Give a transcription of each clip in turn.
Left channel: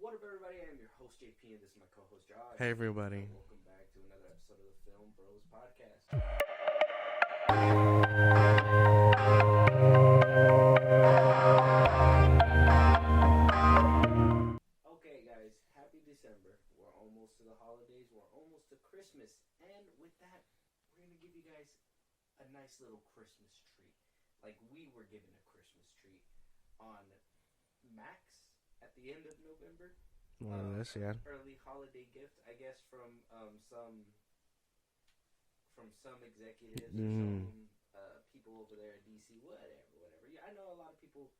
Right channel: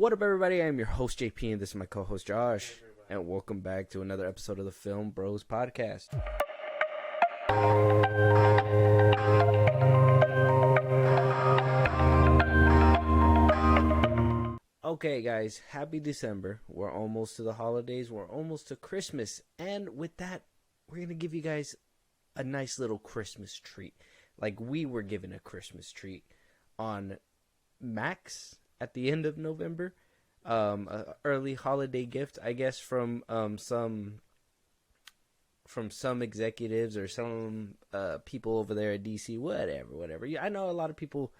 What up, everybody? I am your host, JP, and this is my co-host, Josh. Hey, everybody. And welcome back to another episode of the FilmBros podcast. Okay, guys, happy December. We're almost to the holidays. We're almost to Christmas. And with that, we're going to give you guys a nice little Christmas treat. Like we were given a Christmas treat on Max at the end of November. Early holiday gift, I guess, from some executives or some people over there at DC. Whatever. Yeah, I know a lot of people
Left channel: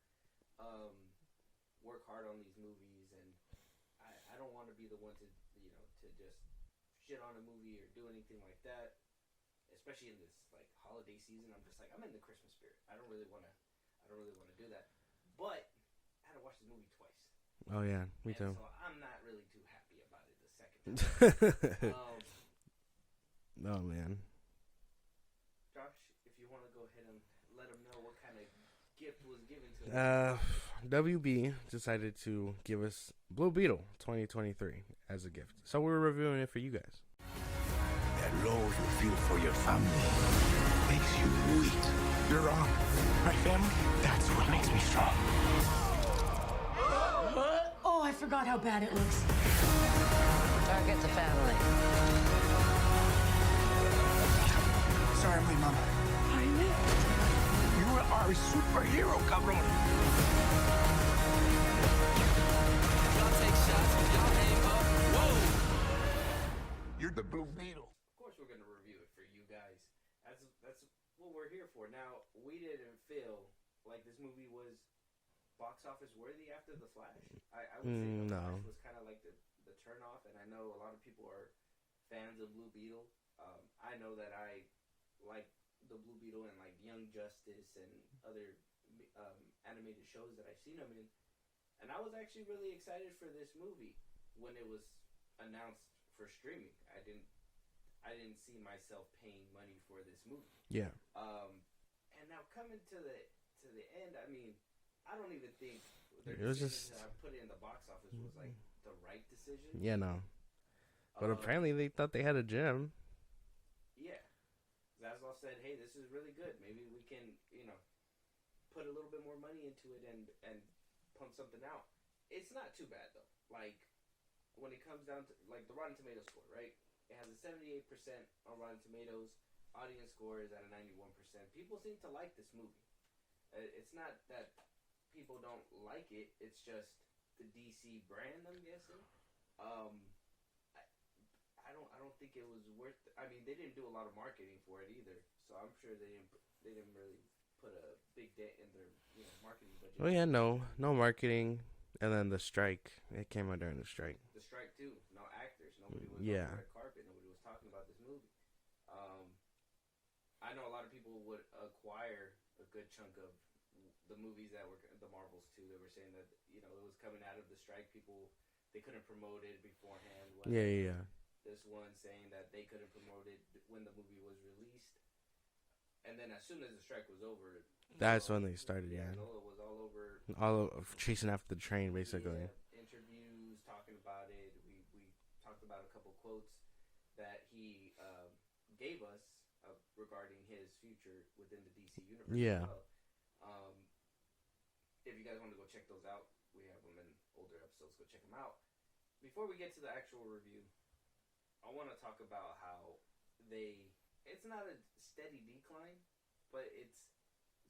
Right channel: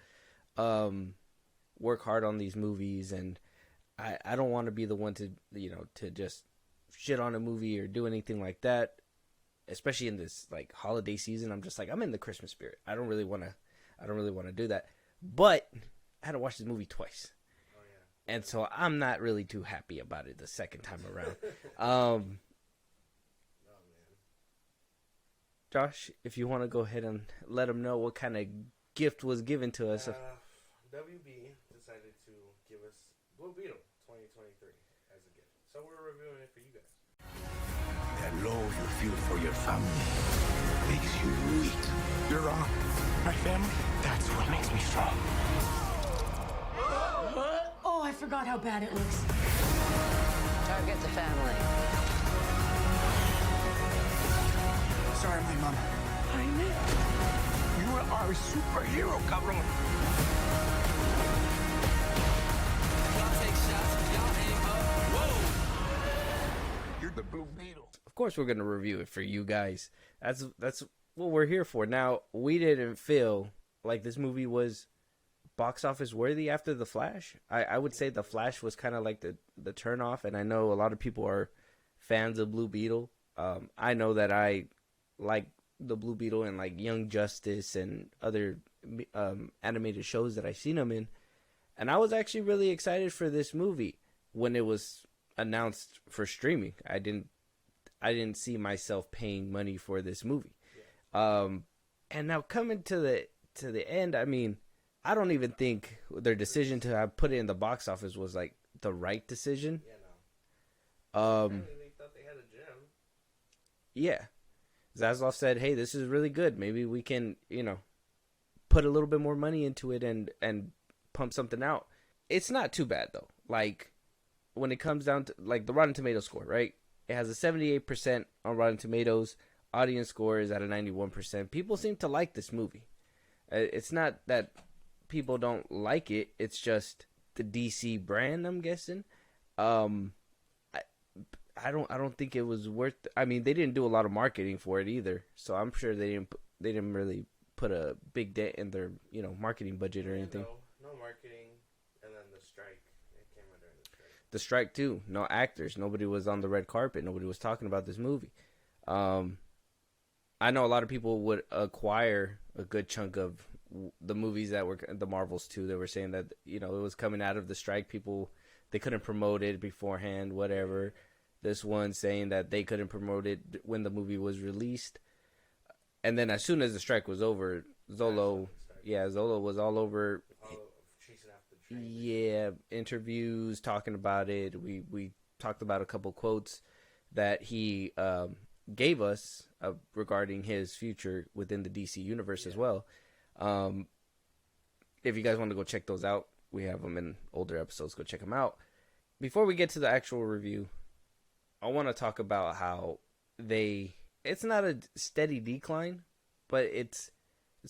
work hard on these movies, and I don't want to be the one to just shit on a movie or do anything like that, especially in this like holiday season. I'm just like, I'm in the Christmas spirit. I don't really want to do that, but I had to watch this movie twice. Oh yeah, and so I'm not really too happy about it the second time around. Oh man, Josh, if you want to go ahead and let them know what kind of gift was given to us. WB decided to give us Blue Beetle 2023 as a gift, so we're reviewing it for you guys. That love you feel for your family makes you weak. You're wrong. My family, that's what makes me strong. Oh, I forgot how bad it looks. Target the family. Sorry, my mom. Jaime? You are a superhero, cabron. Y'all take shots, y'all aim up. Whoa! You're the Blue Beetle. Of course, we're gonna review it for you guys. That's what we're here for. Now, we didn't feel like this movie was box office worthy after The Flash. I would say The Flash was kind of like the turn off, and I know a lot of people are fans of Blue Beetle. I know that I like the Blue Beetle and like Young Justice and other animated shows that I've seen them in, and I was actually really excited for this movie when it was announced for streaming. I didn't see myself paying money for this movie. Yeah. And now coming to the end, I mean, I don't even think their decision to have put it in the box office was like the right decision. Yeah, no. Apparently, they thought they had a gem. Yeah, Zaslav said, "Hey, this is really good. Maybe we can, put a little bit more money into it and pump something out." It's not too bad though. Like when it comes down to like the Rotten Tomatoes score, right? It has a 78% on Rotten Tomatoes. Audience score is at a 91%. People seem to like this movie. It's not that people don't like it. It's just the DC brand, I'm guessing. I don't think it was worth. I mean, they didn't do a lot of marketing for it either, so I'm sure they didn't really put a big dent in their marketing budget. Oh yeah, no marketing, and then the strike. It came out during the strike. The strike too. No actors. Nobody was on the red carpet. Nobody was talking about this movie. I know a lot of people would acquire a good chunk of the movies that were the Marvels too. They were saying that it was coming out of the strike. People, they couldn't promote it beforehand. Whatever. Yeah. This one saying that they couldn't promote it when the movie was released, and then as soon as the strike was over, Zolo was all over chasing after the train. Basically. Yeah, interviews talking about it. We talked about a couple quotes that he gave us regarding his future within the DC universe as well. If you guys want to go check those out, we have them in older episodes. Go check them out. Before we get to the actual review, I want to talk about how it's not a steady decline, but it's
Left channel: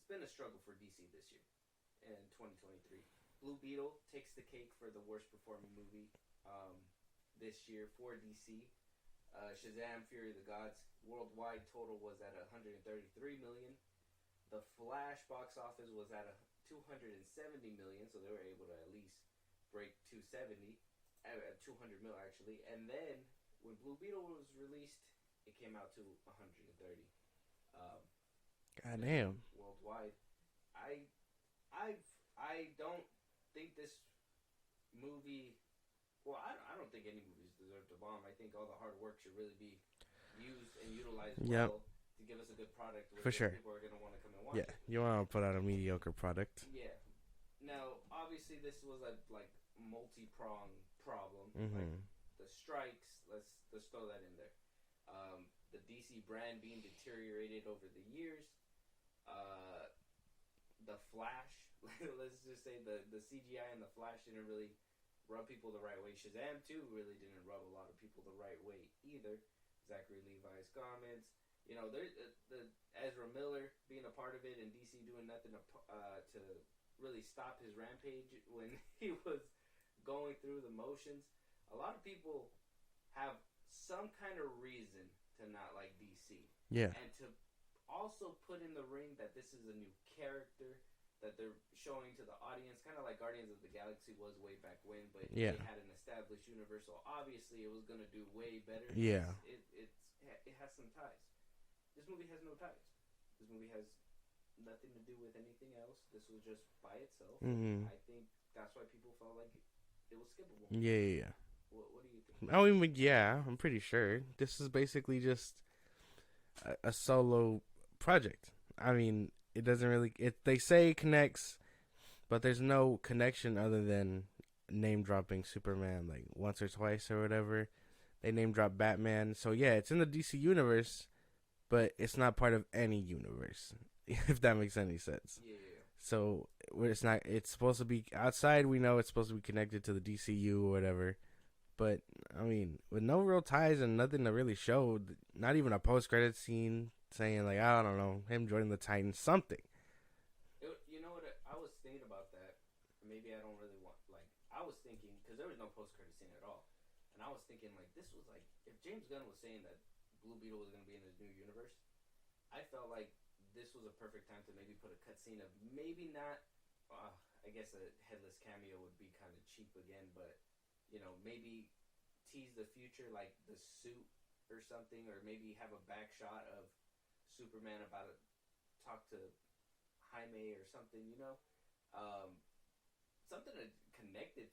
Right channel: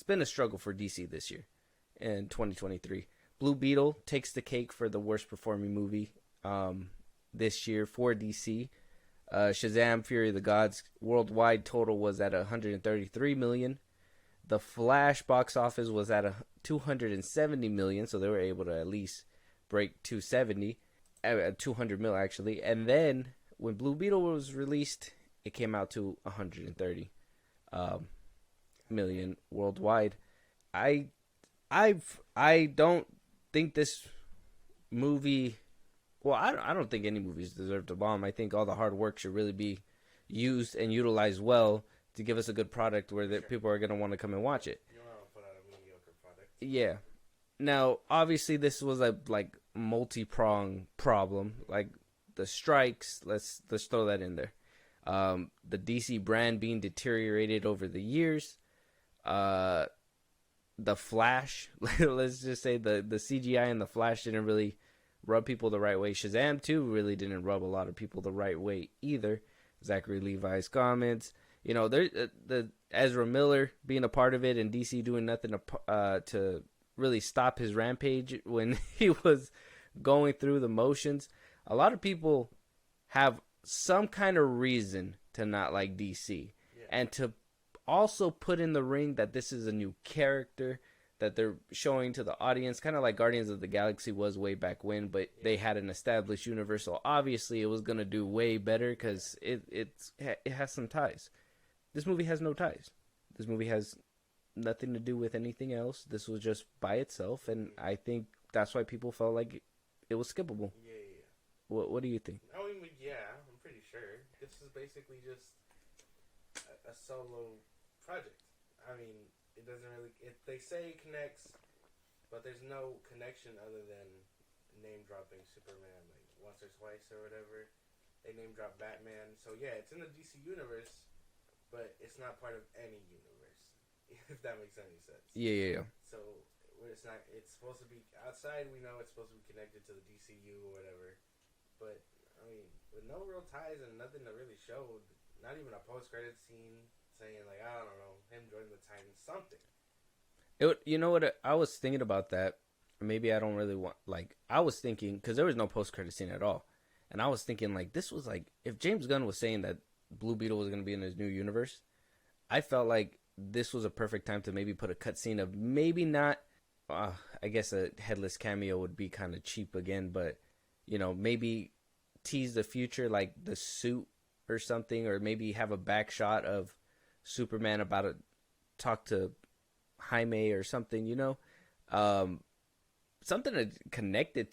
been a struggle for DC this year in 2023. Blue Beetle takes the cake for the worst performing movie this year for DC. Shazam! Fury of the Gods worldwide total was at 133 million. The Flash box office was at 270 million, so they were able to at least break 200 mil actually. And then when Blue Beetle was released, it came out to 130 million worldwide. I don't think this movie. Well, I don't think any movies deserve to bomb. I think all the hard work should really be used and utilized well to give us a good product where people are going to want to come and watch it. You want to put out a mediocre product. Yeah. Now, obviously, this was a multi-pronged problem. Like the strikes, let's throw that in there. The DC brand being deteriorated over the years. The Flash, let's just say the CGI in the Flash didn't really rub people the right way. Shazam 2 really didn't rub a lot of people the right way either. Zachary Levi's comments, you know, the Ezra Miller being a part of it and DC doing nothing to really stop his rampage when he was going through the motions. A lot of people have some kind of reason to not like DC. Yeah. And to also put in the ring that this is a new character that they're showing to the audience, kind of like Guardians of the Galaxy was way back when, but they had an established universe, so obviously it was going to do way better because it has some ties. This movie has no ties. This movie has nothing to do with anything else. This was just by itself, and I think that's why people felt like it was skippable. Yeah. What do you think? I mean, yeah, I'm pretty sure. This is basically just a solo project. I mean, it doesn't really... They say it connects, but there's no connection other than name-dropping Superman, like, once or twice or whatever. They name-drop Batman. So, yeah, it's in the DC universe, but it's not part of any universe, if that makes any sense. Yeah. So, it's not... It's supposed to be... Outside, we know it's supposed to be connected to the DCU or whatever. But, I mean, with no real ties and nothing to really show, not even a post-credit scene saying, like, I don't know, him joining the Titans, something. You know what? I was thinking about that. Maybe I don't really want... Like, I was thinking... Because there was no post-credit scene at all. And I was thinking, like, this was like... If James Gunn was saying that Blue Beetle was going to be in his new universe, I felt like this was a perfect time to maybe put a cutscene of maybe not... I guess a headless cameo would be kind of cheap again, but... You know, maybe tease the future, like the suit or something, or maybe have a back shot of Superman about to talk to Jaime or something, you know? Something connected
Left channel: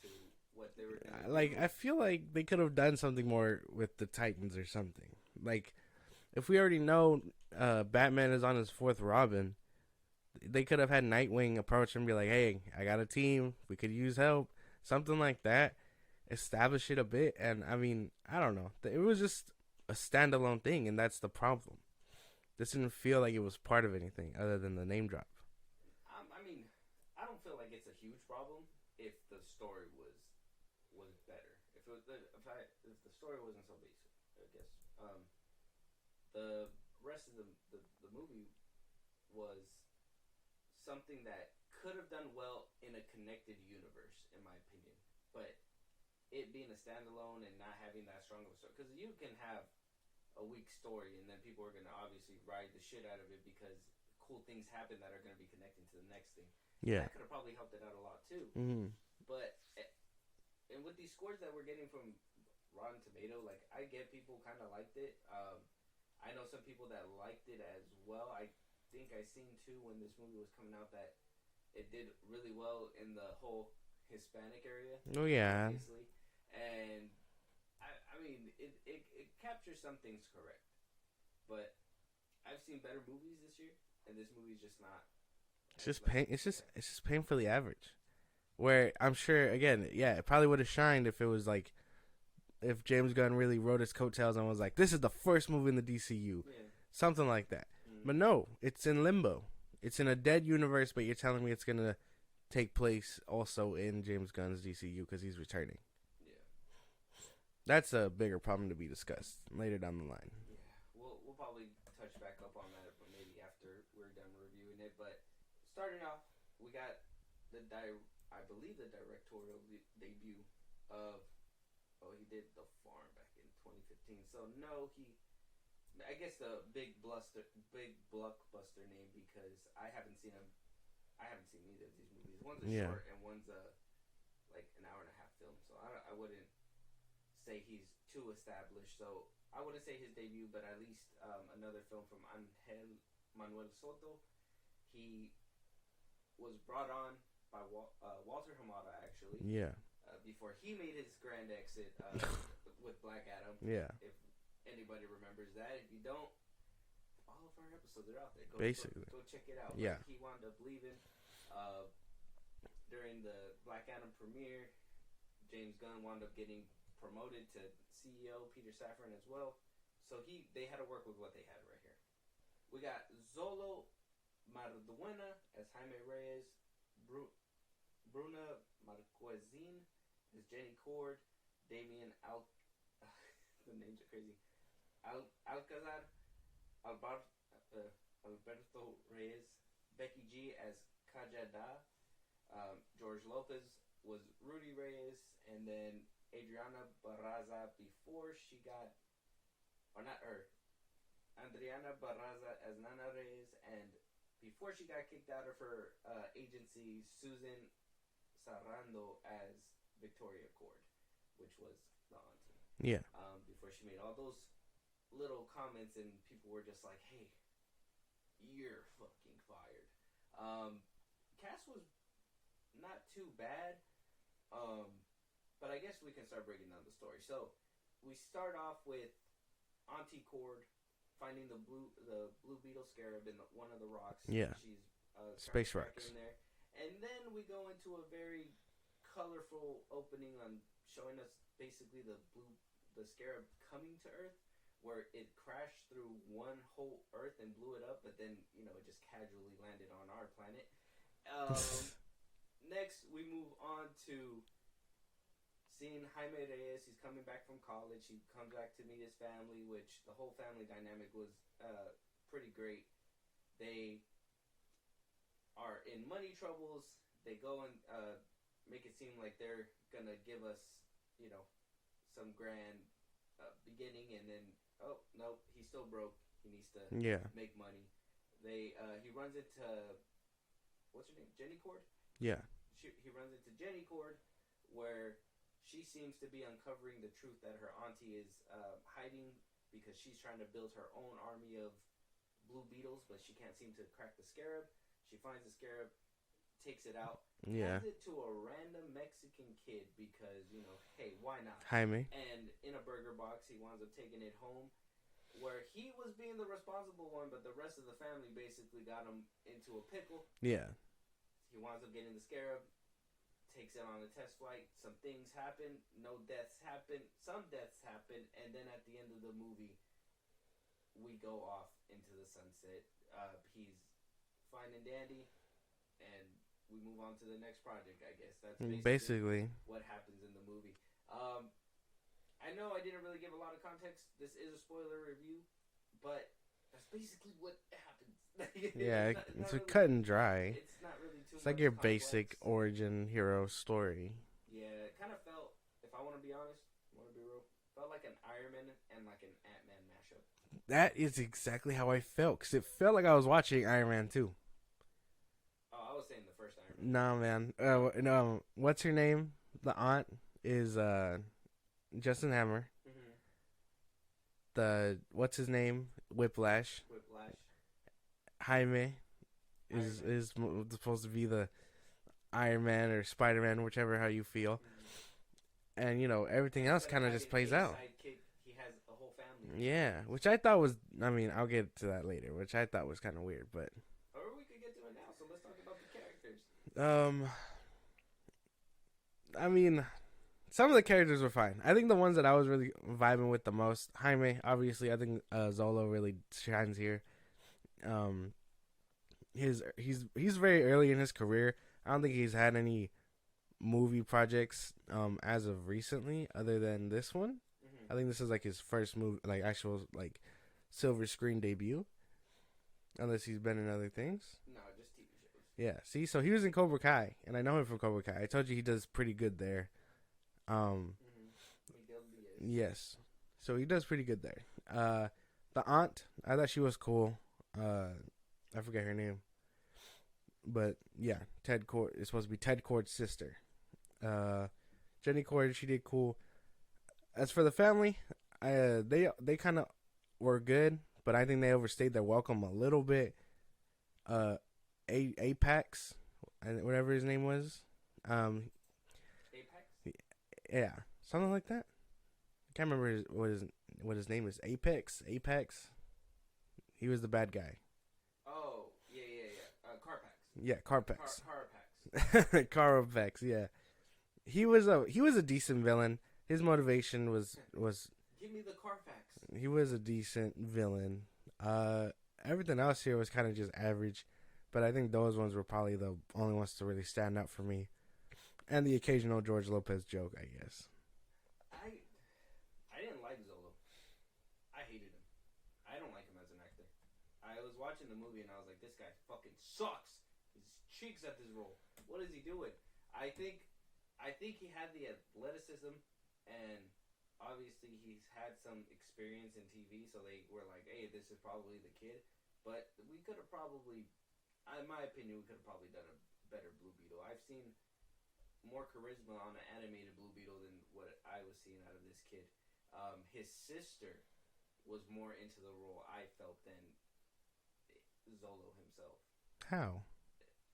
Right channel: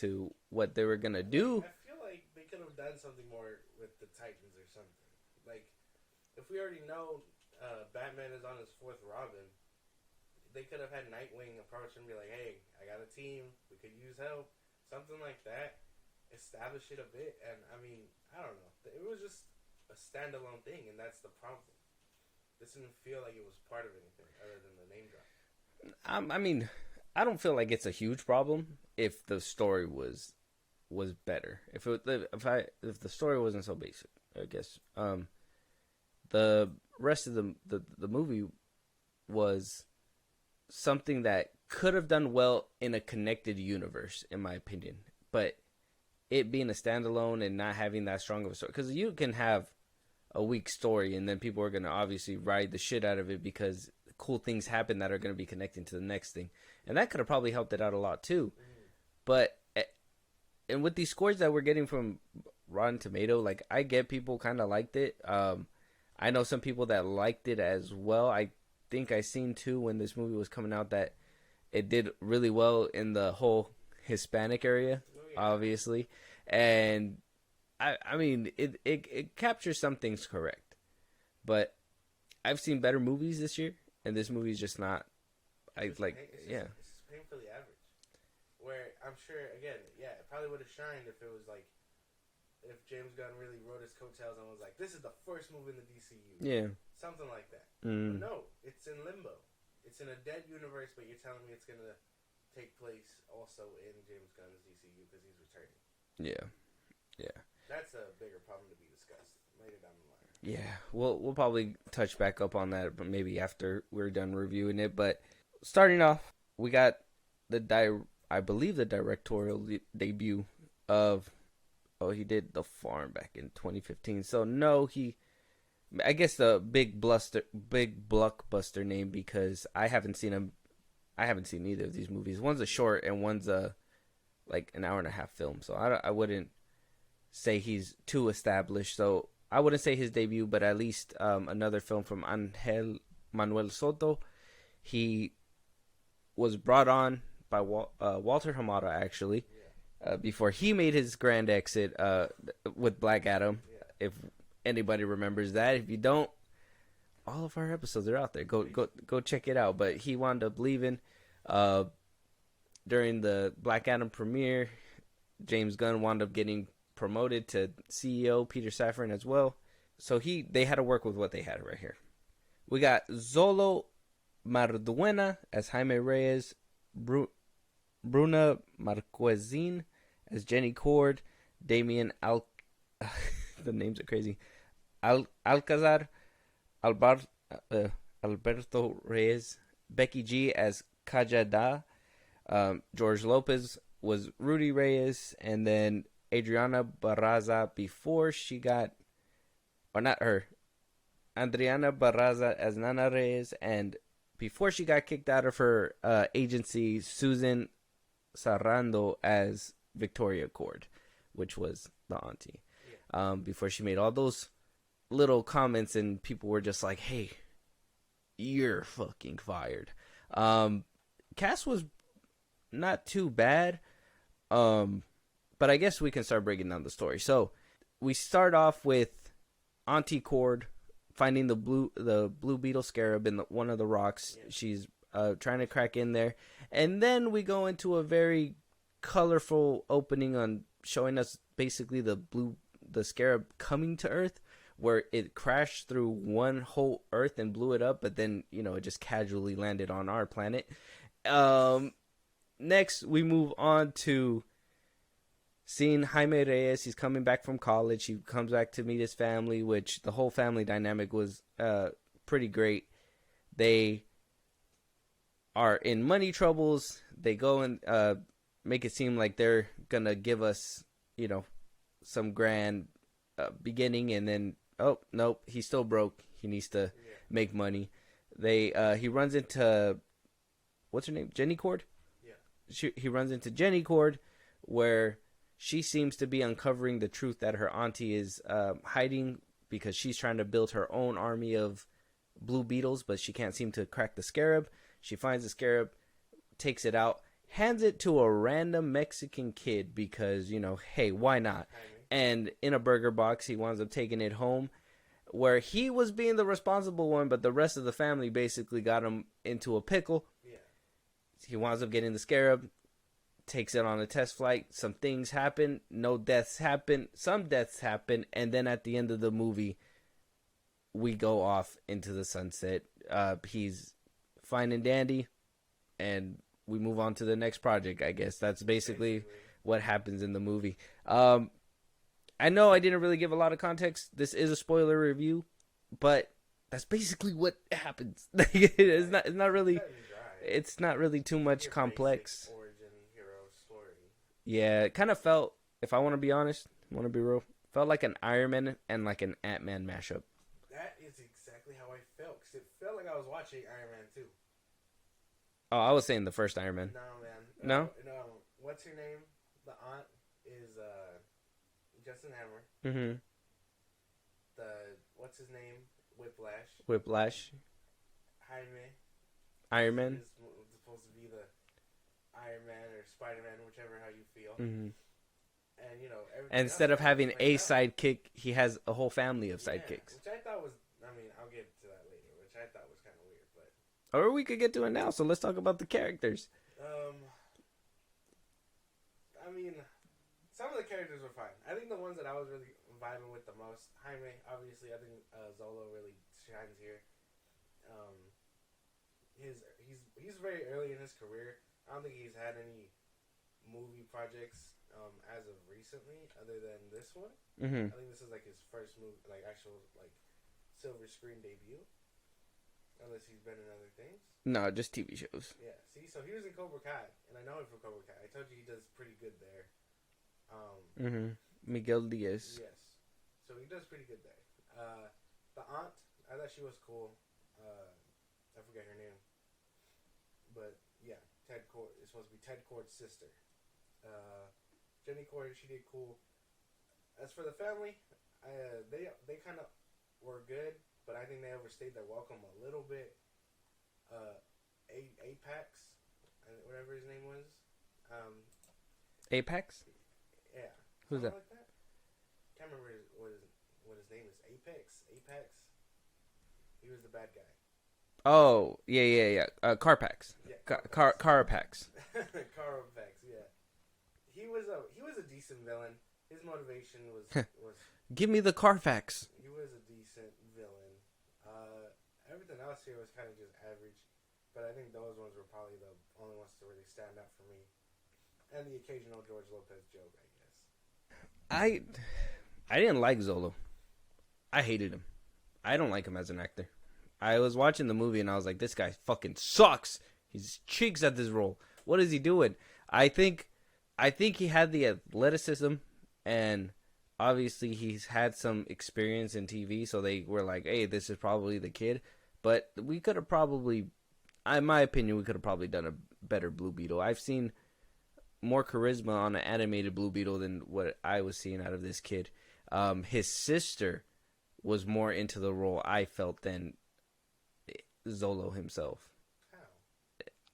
to what they were going to do. Like, I feel like they could have done something more with the Titans or something. Like, if we already know Batman is on his fourth Robin, they could have had Nightwing approach and be like, hey, I got a team. We could use help. Something like that, establish it a bit, and I mean, I don't know. It was just a standalone thing, and that's the problem. This didn't feel like it was part of anything other than the name drop. I mean, I don't feel like it's a huge problem if the story was better. If the story wasn't so basic, I guess. The rest of the movie was something that could have done well in a connected universe, in my opinion. But it being a standalone and not having that strong of a story, because you can have a weak story and then people are going to obviously ride the shit out of it because cool things happen that are going to be connecting to the next thing. And that could have probably helped it out a lot too. But and with these scores that we're getting from Rotten Tomato, like, I get people kind of liked it. I know some people that liked it as well. I think I seen too when this movie was coming out that it did really well in the whole Hispanic area, obviously. And I mean, it captures some things correct. But I've seen better movies this year, and this movie's just not. It's just painfully average. Where I'm sure, again, it probably would have shined if it was like, if James Gunn really wrote his coattails and was like, this is the first movie in the DCU. Yeah. Something like that. But no, it's in limbo. It's in a dead universe, but you're telling me it's going to take place also in James Gunn's DCU because he's returning. Yeah. That's a bigger problem to be discussed later down the line. Yeah. We'll probably touch back up on that, but maybe after we're done reviewing it. But starting off, we got I believe the directorial debut of... Oh, he did The Farm back in 2015. So, no, I guess the big blockbuster name, because I haven't seen either of these movies. One's a short and one's like an hour and a half film. So I wouldn't say he's too established. So I wouldn't say his debut, but at least another film from Angel Manuel Soto. He was brought on by Walter Hamada, actually. Yeah. Before he made his grand exit with Black Adam. Yeah. If anybody remembers that. If you don't, all of our episodes are out there. Go check it out. But he wound up leaving. during the Black Adam premiere, James Gunn wound up getting promoted to CEO, Peter Safran as well. So they had to work with what they had right here. We got Zolo Marduena as Jaime Reyes, Bruna Marquezine as Jenny Cord, Damian the names are crazy, Alcazar, Alberto Reyes, Becky G as Kajada, George Lopez was Rudy Reyes, and then Adriana Barraza before she got, or not her, Adriana Barraza as Nana Reyes, and before she got kicked out of her agency, Susan Sarando as Victoria Cord, which was the auntie. Yeah. Before she made all those little comments and people were just like, hey, you're fucking fired. Cast was not too bad. But I guess we can start breaking down the story. So we start off with Auntie Cord finding the blue beetle scarab in one of the rocks. Yeah. She's trying to crack in there. And then we go into a very colorful opening on showing us basically the scarab coming to Earth, where it crashed through one whole Earth and blew it up, but then, it just casually landed on our planet. Next, we move on to seeing Jaime Reyes. He's coming back from college. He comes back to meet his family, which the whole family dynamic was pretty great. They are in money troubles. They go and make it seem like they're going to give us, some grand beginning, and then, oh, nope, he's still broke. He needs to make money. He runs into, what's her name? Jenny Cord? Yeah. He runs into Jenny Cord, where she seems to be uncovering the truth that her auntie is hiding, because she's trying to build her own army of blue beetles, but she can't seem to crack the scarab. She finds the scarab, takes it out, hands it to a random Mexican kid because, hey, why not? Jaime. And in a burger box, he winds up taking it home, where he was being the responsible one, but the rest of the family basically got him into a pickle. Yeah. He winds up getting the scarab, takes it on a test flight. Some things happen. No deaths happen. Some deaths happen. And then at the end of the movie, we go off into the sunset. He's fine and dandy, and we move on to the next project, I guess. That's basically what happens in the movie. I know I didn't really give a lot of context. This is a spoiler review, but that's basically what happens. It's not really cut and dry. It's not really too much your complex basic origin hero story. Yeah, it kind of felt, if I want to be honest, want to be real, felt like an Iron Man and like an Ant-Man mashup. That is exactly how I felt, because it felt like I was watching Iron Man 2. Oh, I was saying the first Iron Man. No, man. No? What's her name? The aunt is Justin Hammer. Mm-hmm. What's his name? Whiplash. Jaime. Iron Man is supposed to be the Iron Man or Spider-Man, whichever how you feel. Mm-hmm. And everything. And instead of having a sidekick, he has a whole family of sidekicks. Yeah, which I thought was. I mean, I'll get to that later. Which I thought was kind of weird, but. Or we could get to it now. So let's talk about the characters. I mean, some of the characters were fine. I think the ones that I was really vibing with the most, Jaime, obviously. I think Zolo really shines here. He's very early in his career. I don't think he's had any movie projects as of recently, other than this one. Mm-hmm. I think this is like his first movie, like actual like silver screen debut. Unless he's been in other things. No, just TV shows. Yeah. See, so he was in Cobra Kai, and I know him from Cobra Kai. I told you he does pretty good there. Mm-hmm. Miguel Diaz. Yes. So he does pretty good there. The aunt, I thought she was cool. I forget her name. But yeah, Ted Cord is supposed to be Ted Cord's sister. Jenny Cord, she did cool. As for the family, they kind of were good. But I think they overstayed their welcome a little bit. Apex, whatever his name was. Apex? Yeah. Something like that. I can't remember what his name is. Apex? He was the bad guy. Oh, yeah. Carpax. Yeah, Carapax. Carapax, yeah. He was a decent villain. His motivation was Give me the Carfax. he was a decent villain. Everything else here was kind of just average, but I think those ones were probably the only ones to really stand out for me. And the occasional George Lopez joke, I guess. I didn't like Zolo. I hated him. I don't like him as an actor. I was watching the movie and I was like, this guy fucking sucks. He's cheeks at this role. What is he doing? I think he had the athleticism, and obviously he's had some experience in TV, so they were like, hey, this is probably the kid. But we could have probably, in my opinion, we could have probably done a better Blue Beetle. I've seen more charisma on an animated Blue Beetle than what I was seeing out of this kid. His sister was more into the role, I felt, than Zolo himself. How?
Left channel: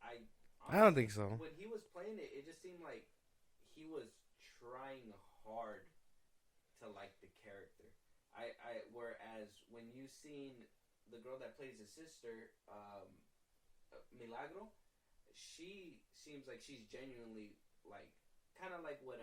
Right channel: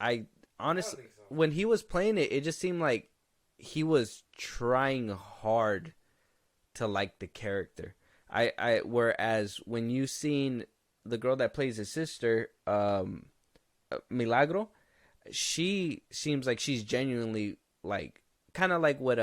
I honestly, I don't think so. When he was playing it, it just seemed like he was trying hard to like the character. Whereas when you seen the girl that plays his sister, Milagro, she seems like she's genuinely like, kind of like what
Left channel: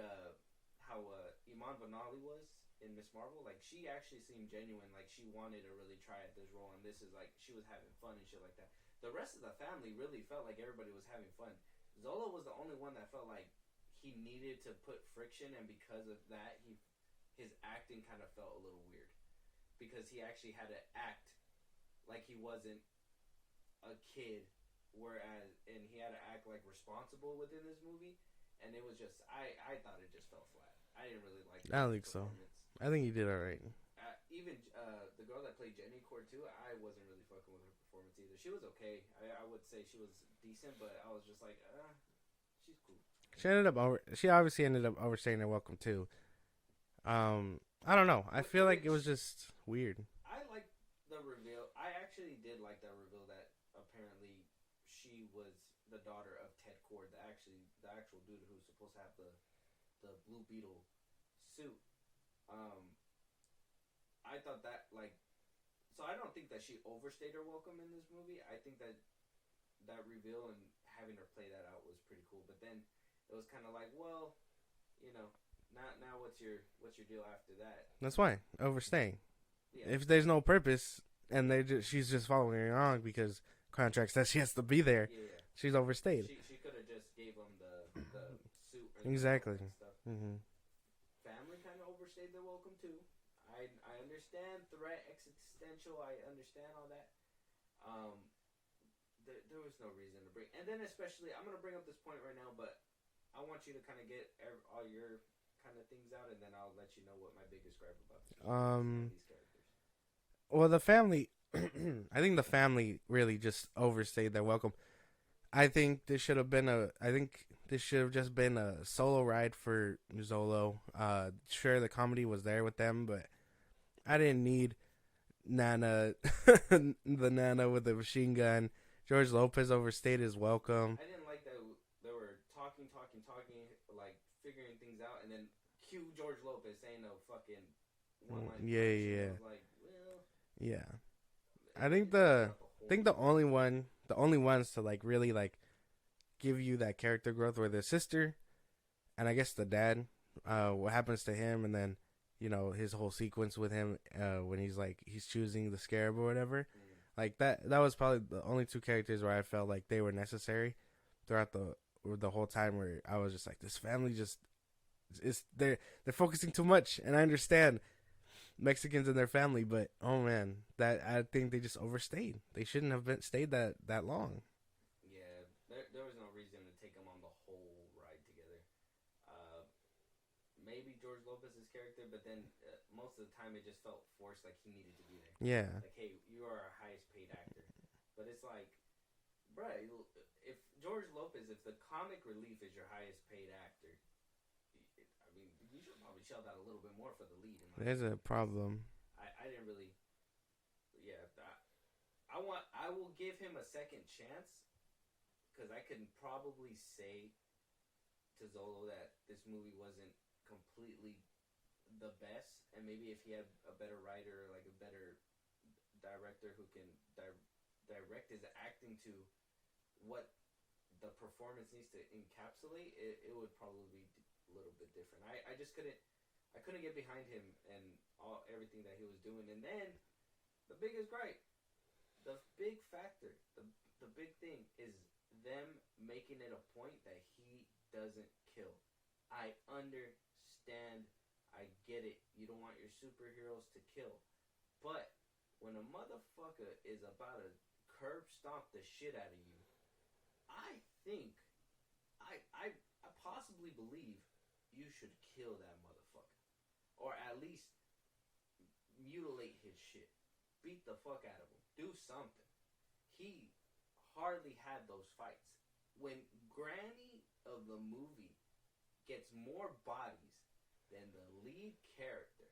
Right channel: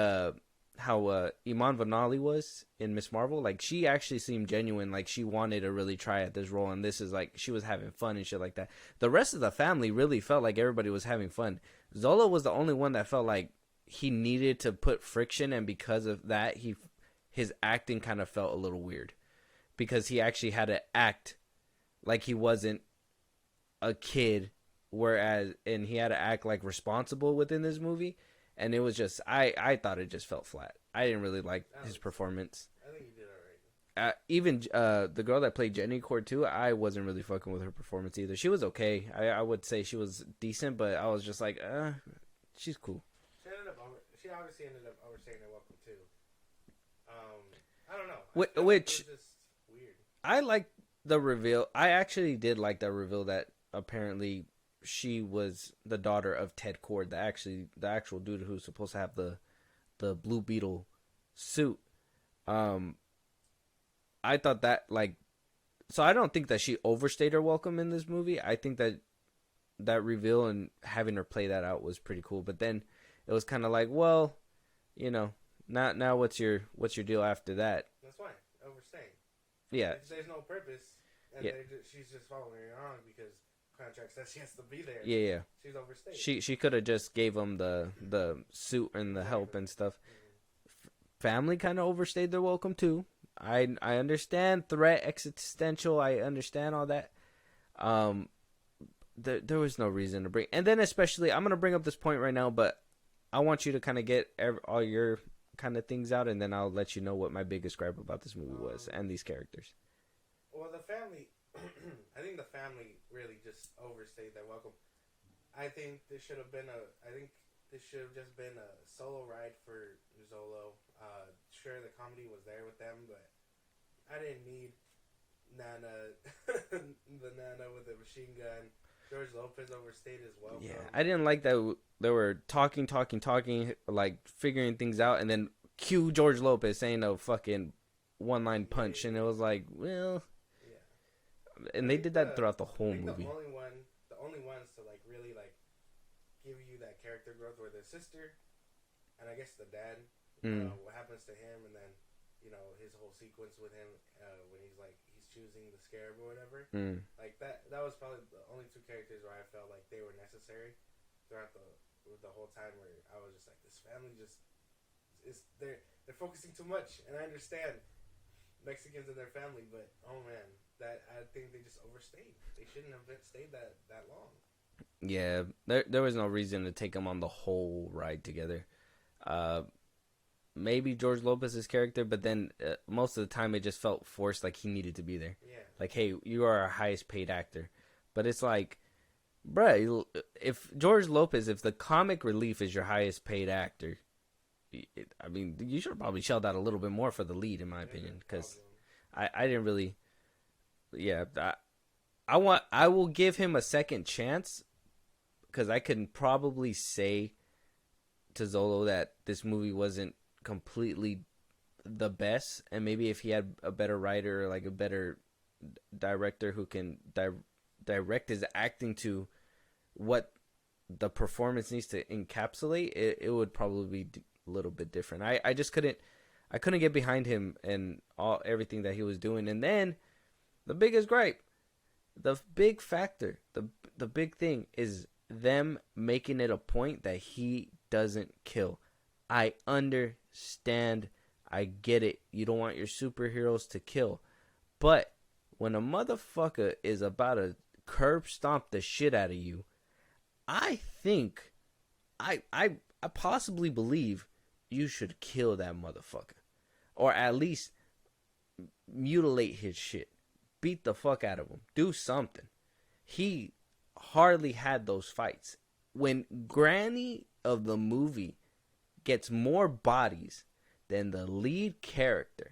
how Iman Vellani was in Miss Marvel. Like, she actually seemed genuine, like she wanted to really try at this role, and this is like she was having fun and shit like that. The rest of the family really felt like everybody was having fun. Zolo was the only one that felt like he needed to put friction, and because of that, his acting kind of felt a little weird, because he actually had to act like he wasn't a kid, and he had to act like responsible within this movie. And it was just, I thought it just felt flat. I didn't really like his performance. So. I think he did all right. Even the girl that played Jenny Cord too, I wasn't really fucking with her performance either. She was okay. I would say she was decent, but I was just like, she's cool. She obviously ended up overstaying her welcome too. I don't know. I feel like it was just weird. I liked the reveal. I actually did like that reveal that apparently she was the daughter of Ted Cord, the actual dude who's supposed to have the Blue Beetle suit. I thought that, like, so I don't think that she overstayed her welcome in this movie. I think that reveal and having her play that out was pretty cool. But then it was kind of like, well, you know, now what's your deal after that? That's why overstaying. Yeah. If there's no purpose and she's just following along because contract says she has to be there. Yeah. She's overstayed. She could have just gave him the suit and the help and stuff. Mm-hmm. Family kind of overstayed their welcome too. I understand threat, existential. I understand all that. There was no reason to bring. And then especially, I'm gonna bring up this point right now, but I want you to kind of get all your kind of things out, and then I'll let you know what my biggest gripe about this movie was and these characters. Well, the family. I think the family really just overstayed their welcome. I think this should have just been a solo ride for Zolo. Sure, the comedy was there with them, but I didn't need Nana, the Nana with the machine gun. George Lopez overstayed his welcome. Yeah, I didn't like that they were talking, like figuring things out, and then cue George Lopez saying a fucking one-line punch, and it was like, well, yeah. And they did that throughout the whole movie. The only ones to like really like give you that character growth were the sister, and I guess the dad. What happens to him, and then his whole sequence with him when he's choosing the scarab or whatever. Like that was probably the only two characters where I felt like they were necessary throughout the whole time. Where I was just like, this family just they're focusing too much, and I understand Mexicans and their family, but oh man, that I think they just overstayed. They shouldn't have stayed that long. Yeah, there was no reason to take them on the whole ride together. Maybe George Lopez's character, but then most of the time it just felt forced, like he needed to be there. Yeah, like, hey, you are our highest paid actor, but it's like, bruh, if George Lopez, if the comic relief is your highest paid actor, I mean, you should have probably shelled out a little bit more for the lead, in my opinion. There's a problem. I didn't really. Yeah, I will give him a second chance, because I can probably say to Zolo that this movie wasn't completely the best, and maybe if he had a better writer or like a better director who can direct his acting to what the performance needs to encapsulate, it would probably be a little bit different. I just couldn't get behind him and everything that he was doing. And then the biggest gripe, the big factor, the big thing is them making it a point that he doesn't kill. I understand. I get it. You don't want your superheroes to kill. But when a motherfucker is about to curb stomp the shit out of you, I think, I possibly believe you should kill that motherfucker. Or at least mutilate his shit. Beat the fuck out of him. Do something. He hardly had those fights. When Granny of the movie gets more bodies than the lead character,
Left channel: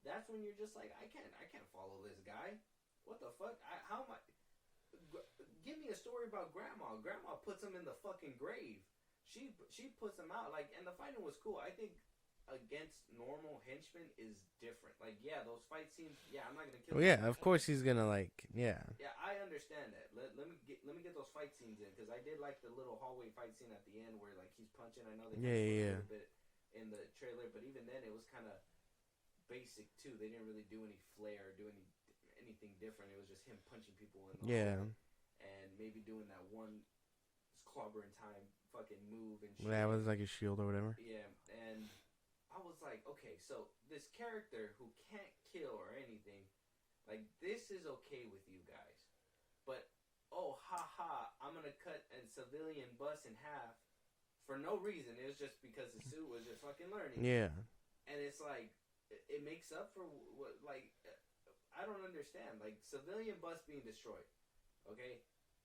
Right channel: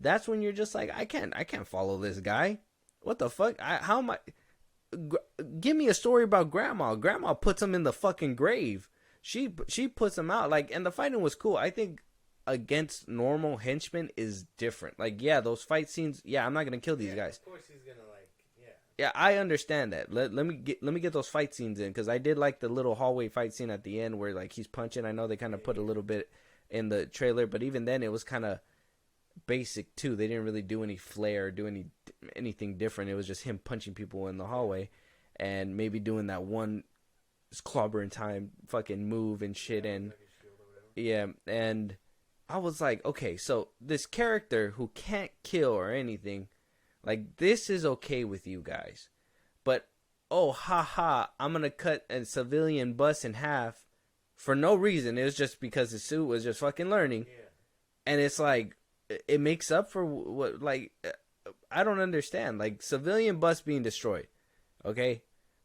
that's when you're just like, I can't follow this guy. What the fuck? How am I? Give me a story about Grandma. Grandma puts him in the fucking grave. She puts him out. Like, and the fighting was cool. I think against normal henchmen is different. Like, yeah, those fight scenes. Yeah, I'm not gonna kill these guys. Of course he's gonna Yeah, I understand that. Let me get those fight scenes in, because I did like the little hallway fight scene at the end where like he's punching. I know they kind of put a little bit in the trailer, but even then it was kind of basic too. They didn't really do any flair, do anything different. It was just him punching people in the hallway and maybe doing that one clobber in time fucking move and shit. Yeah, and like a shield or whatever. Yeah, and I was like, okay, so this character who can't kill or anything, like, this is okay with you guys. But, oh, haha, I'm going to cut a civilian bus in half for no reason. It was just because his suit was just fucking learning. Yeah. And it's like, it makes up for what, like, I don't understand. Like, civilian bus being destroyed, okay,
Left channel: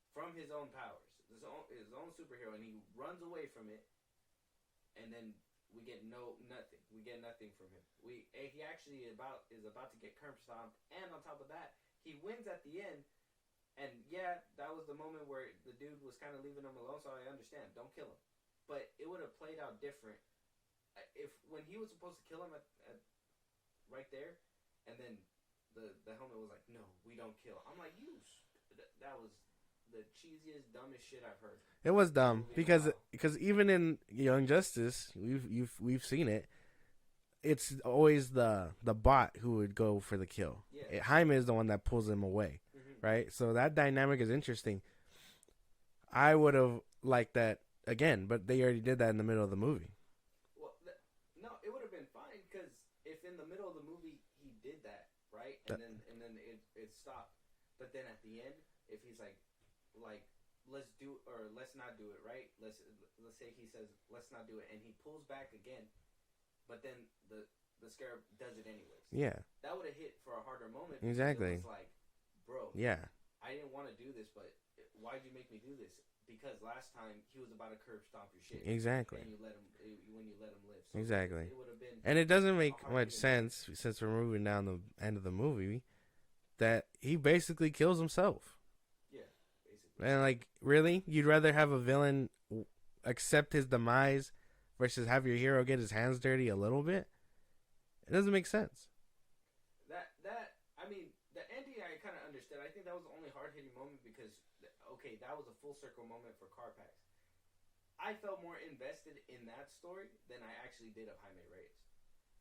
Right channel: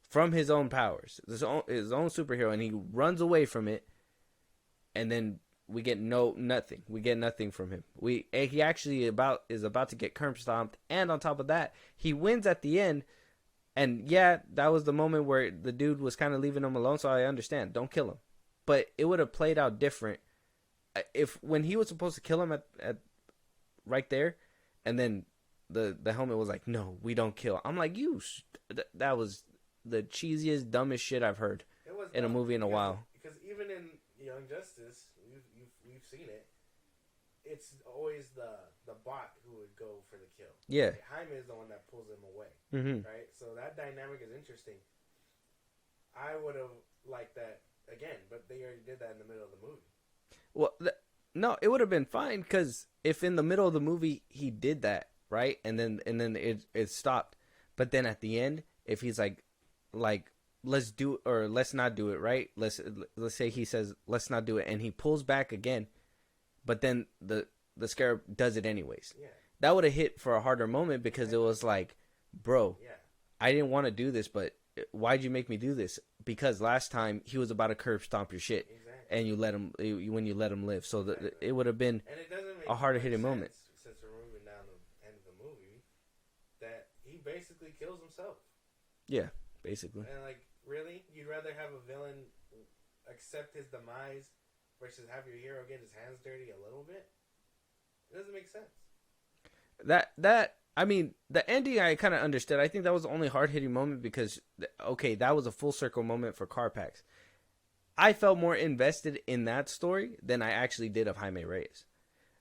from his own powers, his own superhero, and he runs away from it, and then we get nothing. We get nothing from him. He actually is about to get curb stomped, and on top of that, he wins at the end. And yeah, that was the moment where the dude was kind of leaving him alone. So I understand, don't kill him. But it would have played out different if when he was supposed to kill him at right there, and then the helmet was like, no, we don't kill. I'm like, that was the cheesiest, dumbest shit I've heard. It was dumb in a movie in a while. Because even in Young Justice, we've seen it. It's always the bot who would go for the kill. Yeah, Jaime is the one that pulls him away, right? So that dynamic is interesting. I would have liked that again, but they already did that in the middle of the movie. Well, no, it would have been fine, because if in the middle of the movie he did that, right, and then it stopped, but then at the end, if he's like let's do it or let's not do it, right? Let's say he says let's not do it, and he pulls back again, but then the Scarab does it anyways. Yeah, that would have hit for a harder moment, because it was like, bro, yeah, I didn't want to do this, but why'd you make me do this? Because last time he was about to curb stomp your shit, exactly, and you let him live. So exactly. It would have been, and it doesn't make a harder hitting sense moment. Since we're moving down the end of the movie that he basically kills himself. Yeah. Basically. And like, really, you'd rather have a villain accept his demise versus have your hero get his hands dirty a little bit? It doesn't make sense. I mean, the ending I kind of understood. I think that was the only hard hitting moment, because okay, that was a full circle moment for Carpax. I felt more invested in that story than I actually did of Jaime Reyes.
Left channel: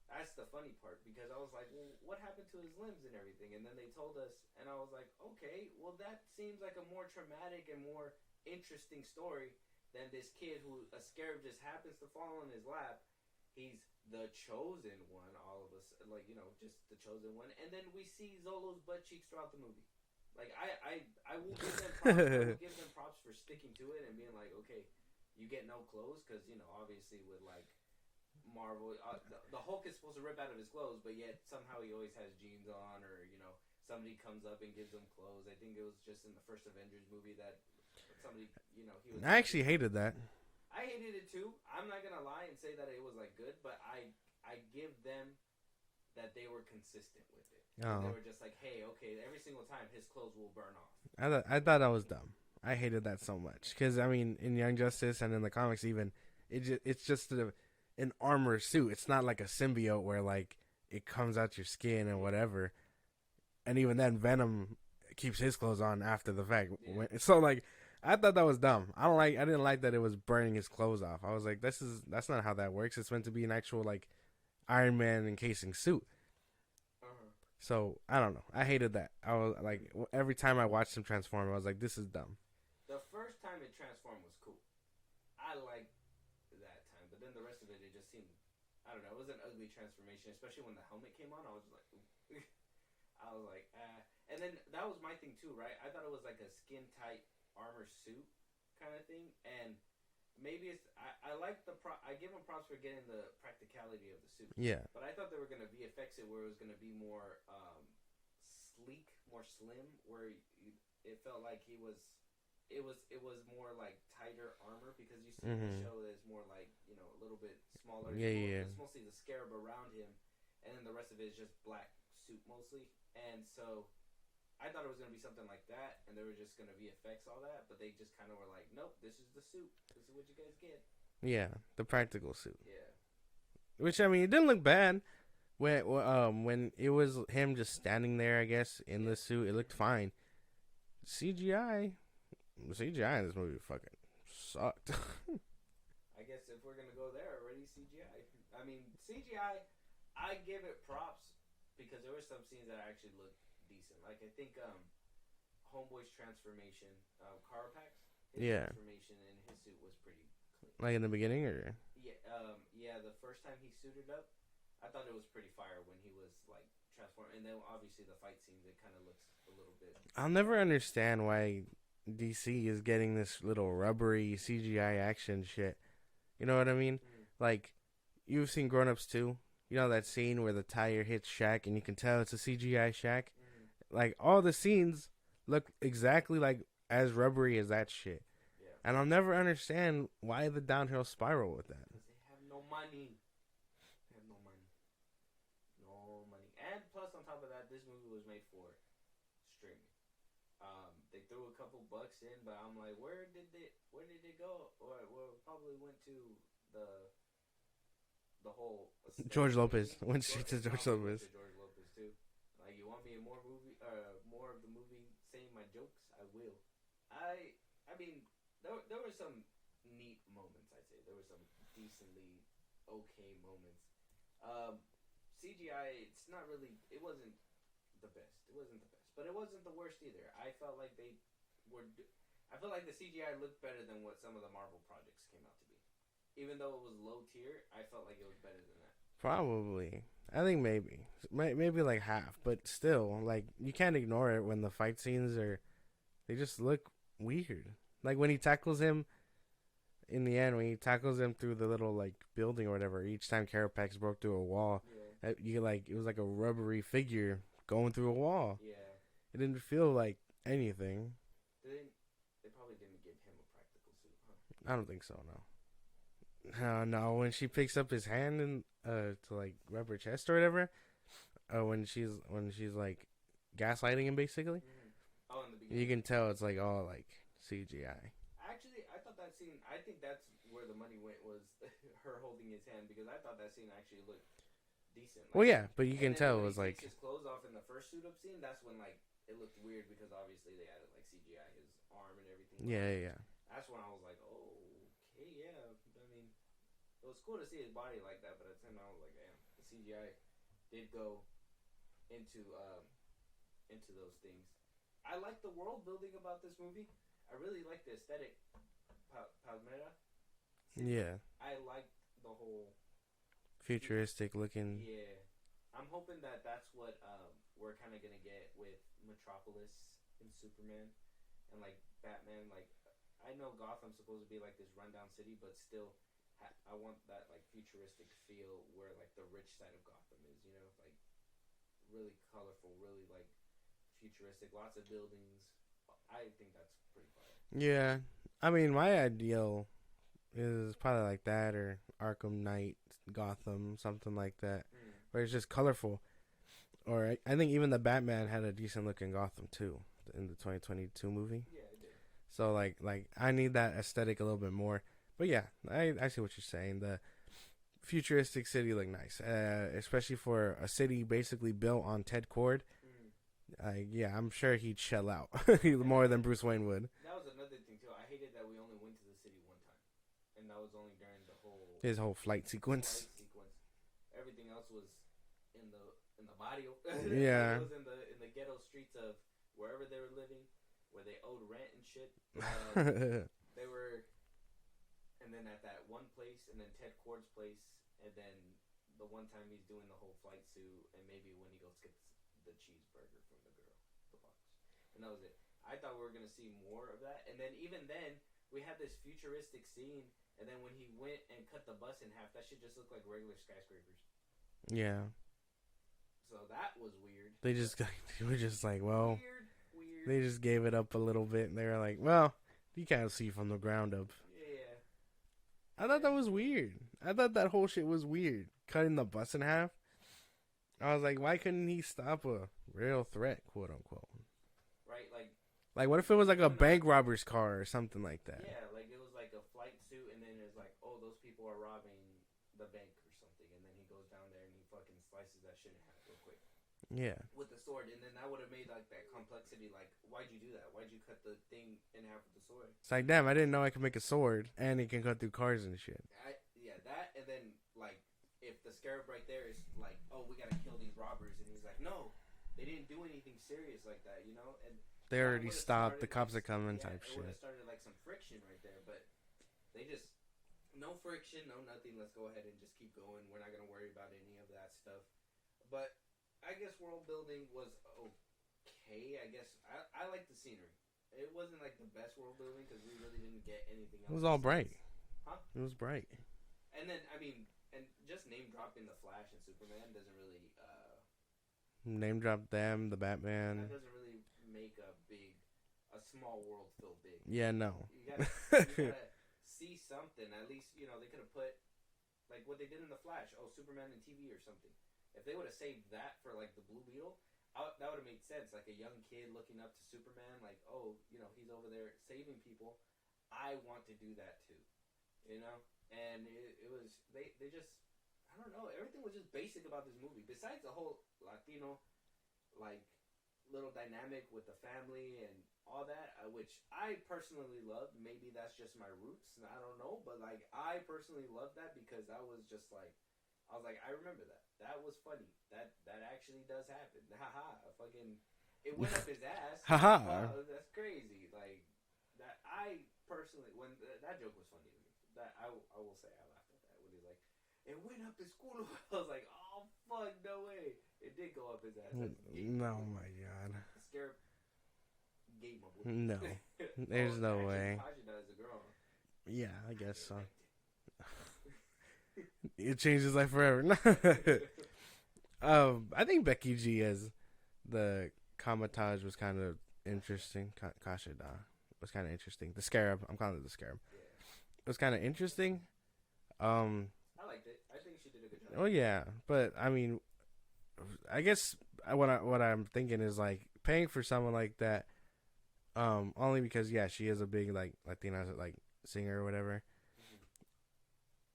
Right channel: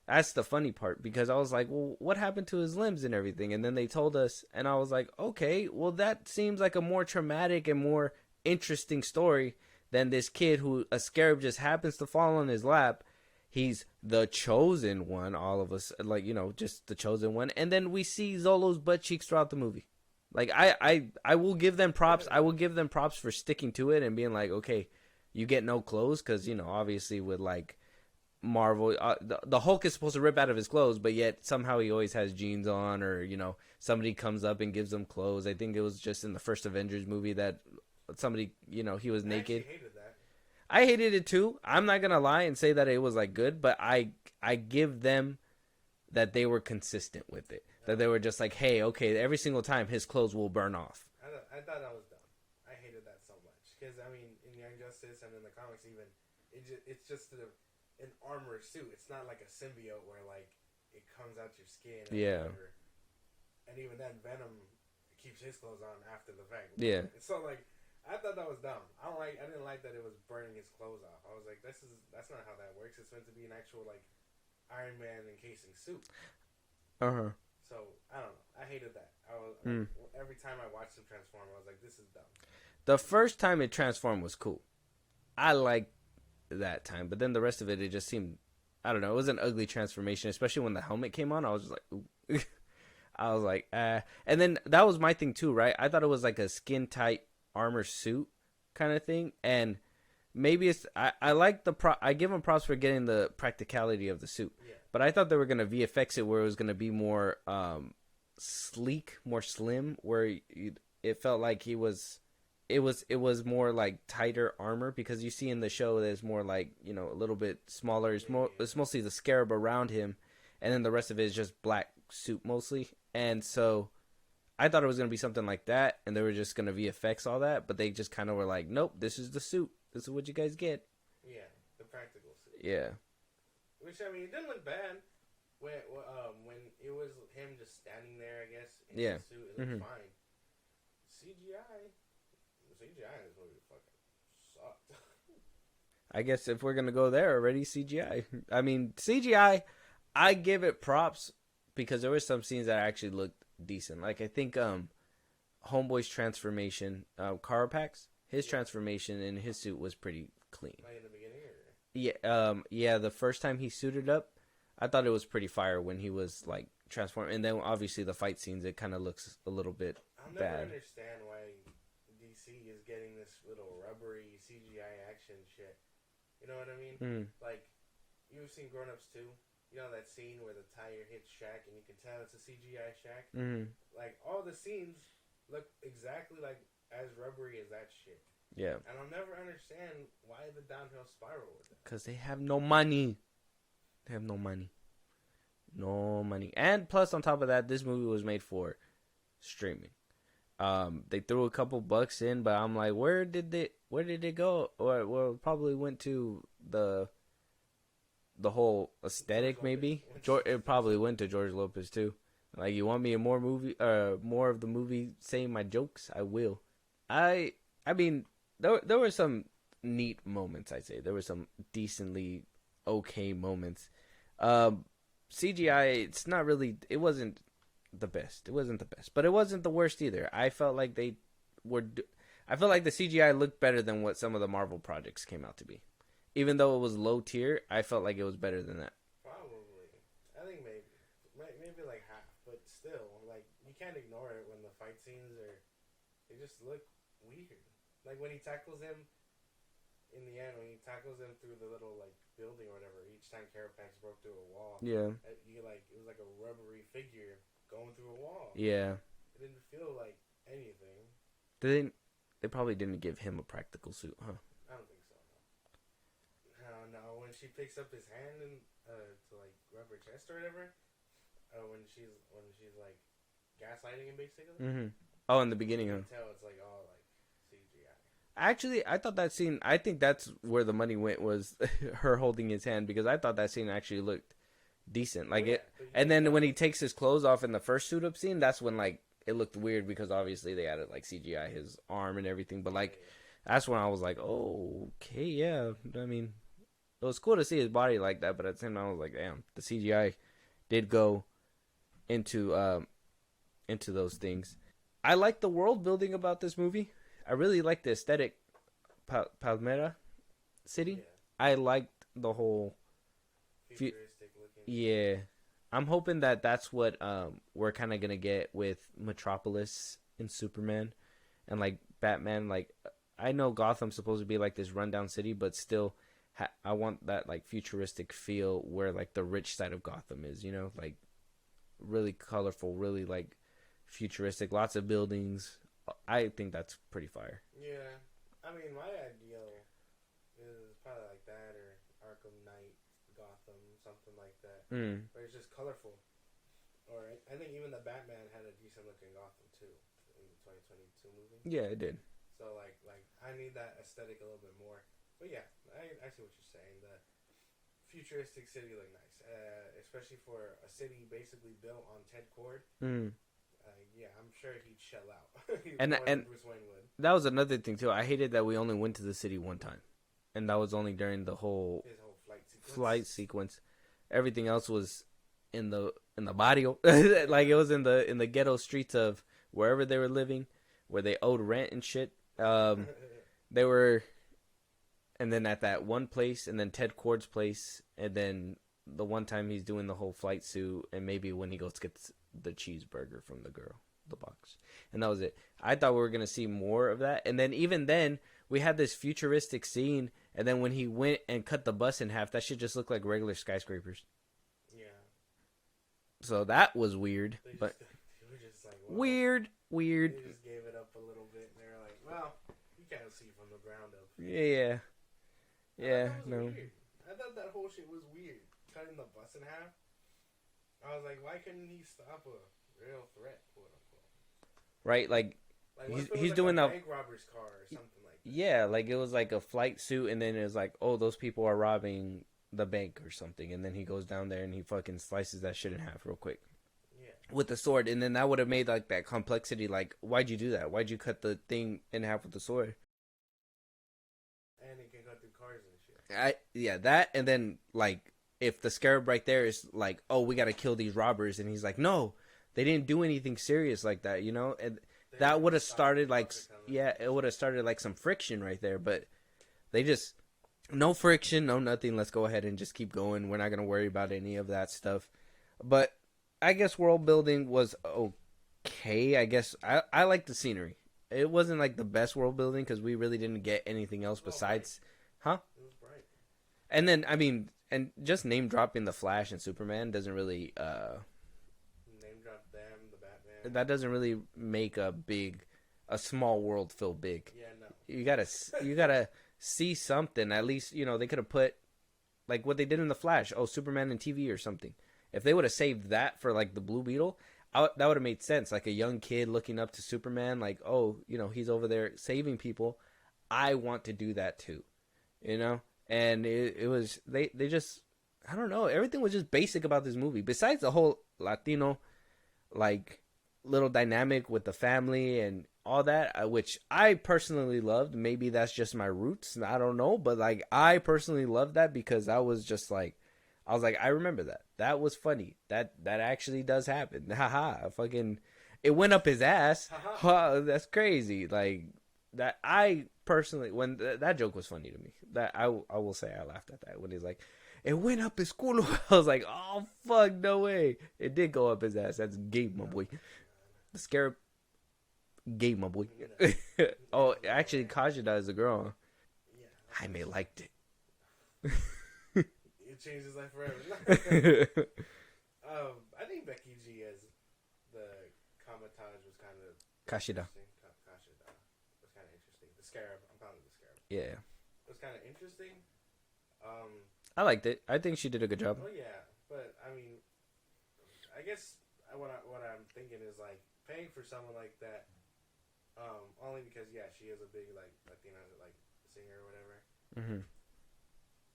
That's the funny part, because I was like, well, what happened to his limbs and everything? And then they told us, and I was like, okay, well, that seems like a more traumatic and more interesting story than this kid who a scarab just happens to fall on his lap. He's the chosen one, all of us, like, just the chosen one. And then we see Zolo's butt cheeks throughout the movie. Like, I will give them props. I will give them props for sticking to it and being like, okay, you get no clothes, because, obviously with like Marvel, the Hulk is supposed to rip out of his clothes, but yet somehow he always has jeans on, or somebody comes up and gives him clothes. I think it was just in the first Avengers movie that somebody, he was naked. I actually hated that. I hated it too. I'm not gonna lie and say that it was like good, but I give them that they were consistent with it. That they were just like, hey, okay, every single time his clothes will burn off. I thought that was dumb. I hated that so much, because I mean, in Young Justice and in the comics even, it's just an armor suit. It's not like a symbiote where like it comes out your skin or whatever. And even then, Venom keeps his clothes on after the fact. Yeah. So like, I thought that was dumb. I didn't like that it was burning his clothes off. I was like, that's not how that works. It's meant to be an actual like Iron Man encasing suit. So I don't know. I hated that. I was like, every time I watched him transform, I was like, this is dumb. The first time it transformed was cool. I liked that time, but then the rest of it just seemed, I don't know, it was an ugly transformation, especially when the helmet came on. I was just like, ooh. I was like, and then that was my thing too, right? I thought it was like a skin tight armor suit kind of thing, and maybe it's I like I give them props for getting the practicality of the suit. Yeah. But I thought they were gonna VFX it where it was gonna be more sleek, more slim, where it felt like it was more like tighter armor, because you see in the show there's more like, you know, a little bit smaller. It's mostly the scarab around him, and then the rest of it is just black suit mostly. And so I thought it was going to be something like that, and they were just going to VFX all that, but they just kind of were like, nope, this is the suit. This is what you guys get. Yeah, the practical suit. Yeah. Which, I mean, it didn't look bad. When it was him just standing there, I guess, in the suit, it looked fine. CGI in this movie fucking sucked. I guess if we're going to go there already, CGI. I mean, CGI, I give it props because there were some scenes that actually looked decent. Like, I think Homeboy's transformation, Carapax, his transformation in his suit was pretty clean. Like in the beginning, or yeah, the first time he suited up, I thought it was pretty fire when he was like transformed. And then obviously the fight scenes, it kind of looks a little bit. I'll never understand why DC is getting this little rubbery CGI action shit. You know what I mean? Like, you've seen Grown Ups too. You know that scene where the tire hits Shaq and you can tell it's a CGI Shaq? Like, all the scenes look exactly like as rubbery as that shit. Yeah. And I'll never understand why the downhill spiral with that. Because they have no money. They have no money. No money. And plus, on top of that, this movie was made for streaming. They threw a couple bucks in, but I'm like, where did it go? Or well, it probably went to the whole aesthetic, maybe. It probably went to George Lopez too. Like, you want me in more of the movie saying my jokes? I will. I mean, there were some neat moments. I'd say there were some decently okay moments. CGI, it wasn't the best. It wasn't the best, but it wasn't the worst either. I felt like the CGI looked better than what some of the Marvel projects came out to be. Even though it was low tier, I felt like it was better than that. Probably. I think maybe like half, but still, like, you can't ignore it when the fight scenes they just look weird. Like when he tackles him in the end, when he tackles him through the little like building or whatever, each time Carapax broke through a wall, it was like a rubbery figure going through a wall. Yeah. It didn't feel like anything. They probably didn't give him a practical suit, huh? I don't think so, no. No, when she picks up his hand and to like rub her chest or whatever, when she's like gaslighting him basically. Oh, in the beginning, you can tell it's like all like CGI. Actually, I thought that scene. I think that's where the money went, was her holding his hand, because I thought that scene actually looked decent. Like, but and then when he takes his clothes off in the first suit up scene, that's when like it looked weird, because obviously they added like CGI his arm and everything. But that's when I was like, oh, okay, yeah. I mean, it was cool to see his body like that, but at the same time, I was like, damn, the CGI did go into those things. I like the world building about this movie. I really like the aesthetic. Palmera City. Yeah. I liked the whole futuristic looking. Yeah. I'm hoping that that's what we're kind of gonna get with Metropolis and Superman and like Batman. Like, I know Gotham's supposed to be like this rundown city, but still I want that like futuristic feel where like the rich side of Gotham is, you know, like really colorful, really like futuristic, lots of buildings. I think that's pretty fire. Yeah. I mean, my ideal is probably like that, or Arkham Knight, Gotham, something like that, where it's just colorful. Or I think even the Batman had a decent looking Gotham too in the 2022 movie. Yeah, it did. So like I need that aesthetic a little bit more. But yeah, I see what you're saying. The futuristic city looked nice, especially for a city basically built on Ted Cord. Yeah, I'm sure he'd shell out And more than Bruce Wayne would. That was another thing too. I hated that we only went to the city one time, and that was only during the whole His whole flight sequence. Everything else was in the barrio, like it was in the ghetto streets of wherever they were living, where they owed rent and shit. They were, and then at that one place, and then Ted Cord's place, and then the one time he's doing the whole flight suit, and maybe when he goes to get the cheeseburger from the girl, the box, and that was it. I thought we were gonna see more of that, and then even then we had this futuristic scene, and then when he went and cut the bus in half, that shit just looked like regular skyscrapers. Yeah. So that was weird. They were just like, well, weird. They just gave it up a little bit, and they were like, well, you can't see from the ground up. Yeah. I thought that was weird. I thought that whole shit was weird. Cutting the bus in half. I was like, why couldn't he stop a real threat, quote unquote? Right, like what if it was like a bank robber's car or something like that? Yeah, like it was like a flight suit, and then it was like, oh, those people are robbing the bank or something, and then he goes down there and he fucking slices that shit in half real quick. Yeah. With the sword, and then that would have made like that complexity. Like, why'd you do that? Why'd you cut the thing in half with the sword? It's like, damn, I didn't know I could make a sword and it can cut through cars and shit. That, and then like if the Scarab right there is like, oh, we gotta kill these robbers, and he's like, no, they didn't do anything serious like that, you know, and that would have started like, it would have started like some friction right there, but they just no friction, no nothing. Let's go ahead and just keep going. We're not gonna worry about any of that stuff, but. I guess world building was okay. I guess I like the scenery. It wasn't like the best world building because we really didn't get anything else besides, huh? It was bright. And then and just name dropping the Flash and Superman doesn't really name drop them, the Batman. That doesn't really make a small world feel big. Yeah, no. You gotta see something. At least they could have put like what they did in the Flash. Oh, Superman and TV or something. If they would have saved that for like the Blue Beetle, that would have made sense. Like a young kid looking up to Superman, like, oh, he's over there saving people. I want to do that too, And it was they just, I don't know. Everything was just basic about this movie. Besides the whole Latino, like little dynamic with the family and all that, which I personally loved. Maybe that's just my roots. I don't know, but like I personally loved that because I was just like. I was like, I remember that. That was funny. That actually does happen. Haha. Fucking, it went up his ass. Haha. That's crazy. Like that. I personally, when that joke was funny to me. That I will say I laughed at that when he's like, it went up his culo. I was like, oh fuck, no way. It did go up his ass. That's gay, my boy. My God. The Scarab, gay, my boy. No. Oh, actually, Kajida is a girl. Yeah, I may liked it. It changed his life forever. I think Becky G as the Kamatage was kind of interesting. Kashida was kind of interesting. The Scarab, I'm calling it the Scarab. Yeah, it was kind of interesting. I liked it. I think she did a good job. Oh yeah, but I mean, I guess what I'm thinking is like paying for someone like that, only because she is a big like Latina like singer or whatever. Mm-hmm.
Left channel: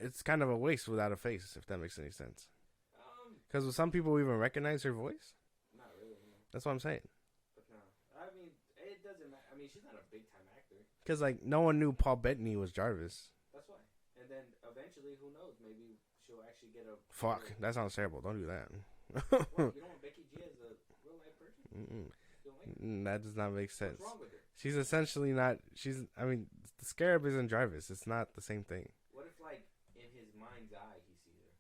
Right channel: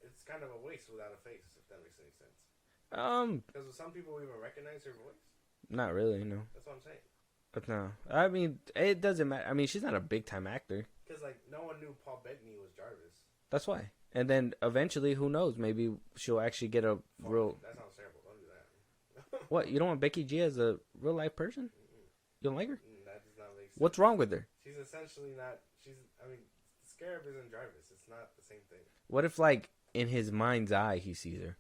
It's kind of a waste without a face, if that makes any sense. Because with some people even recognize her voice. Not really, no. That's what I'm saying. But no, I mean, it doesn't matter. I mean, she's not a big time actor. Because like no one knew Paul Bettany was Jarvis. That's why. And then eventually, who knows? Maybe she'll actually get a real... That sounds terrible. Don't do that. What? You don't want Becky G as a real life person? Mm-mm. You don't like her? That does not make sense. What's wrong with her? She's essentially not. I mean, the Scarab isn't Jarvis. It's not the same thing. What if like in his mind's eye he sees her?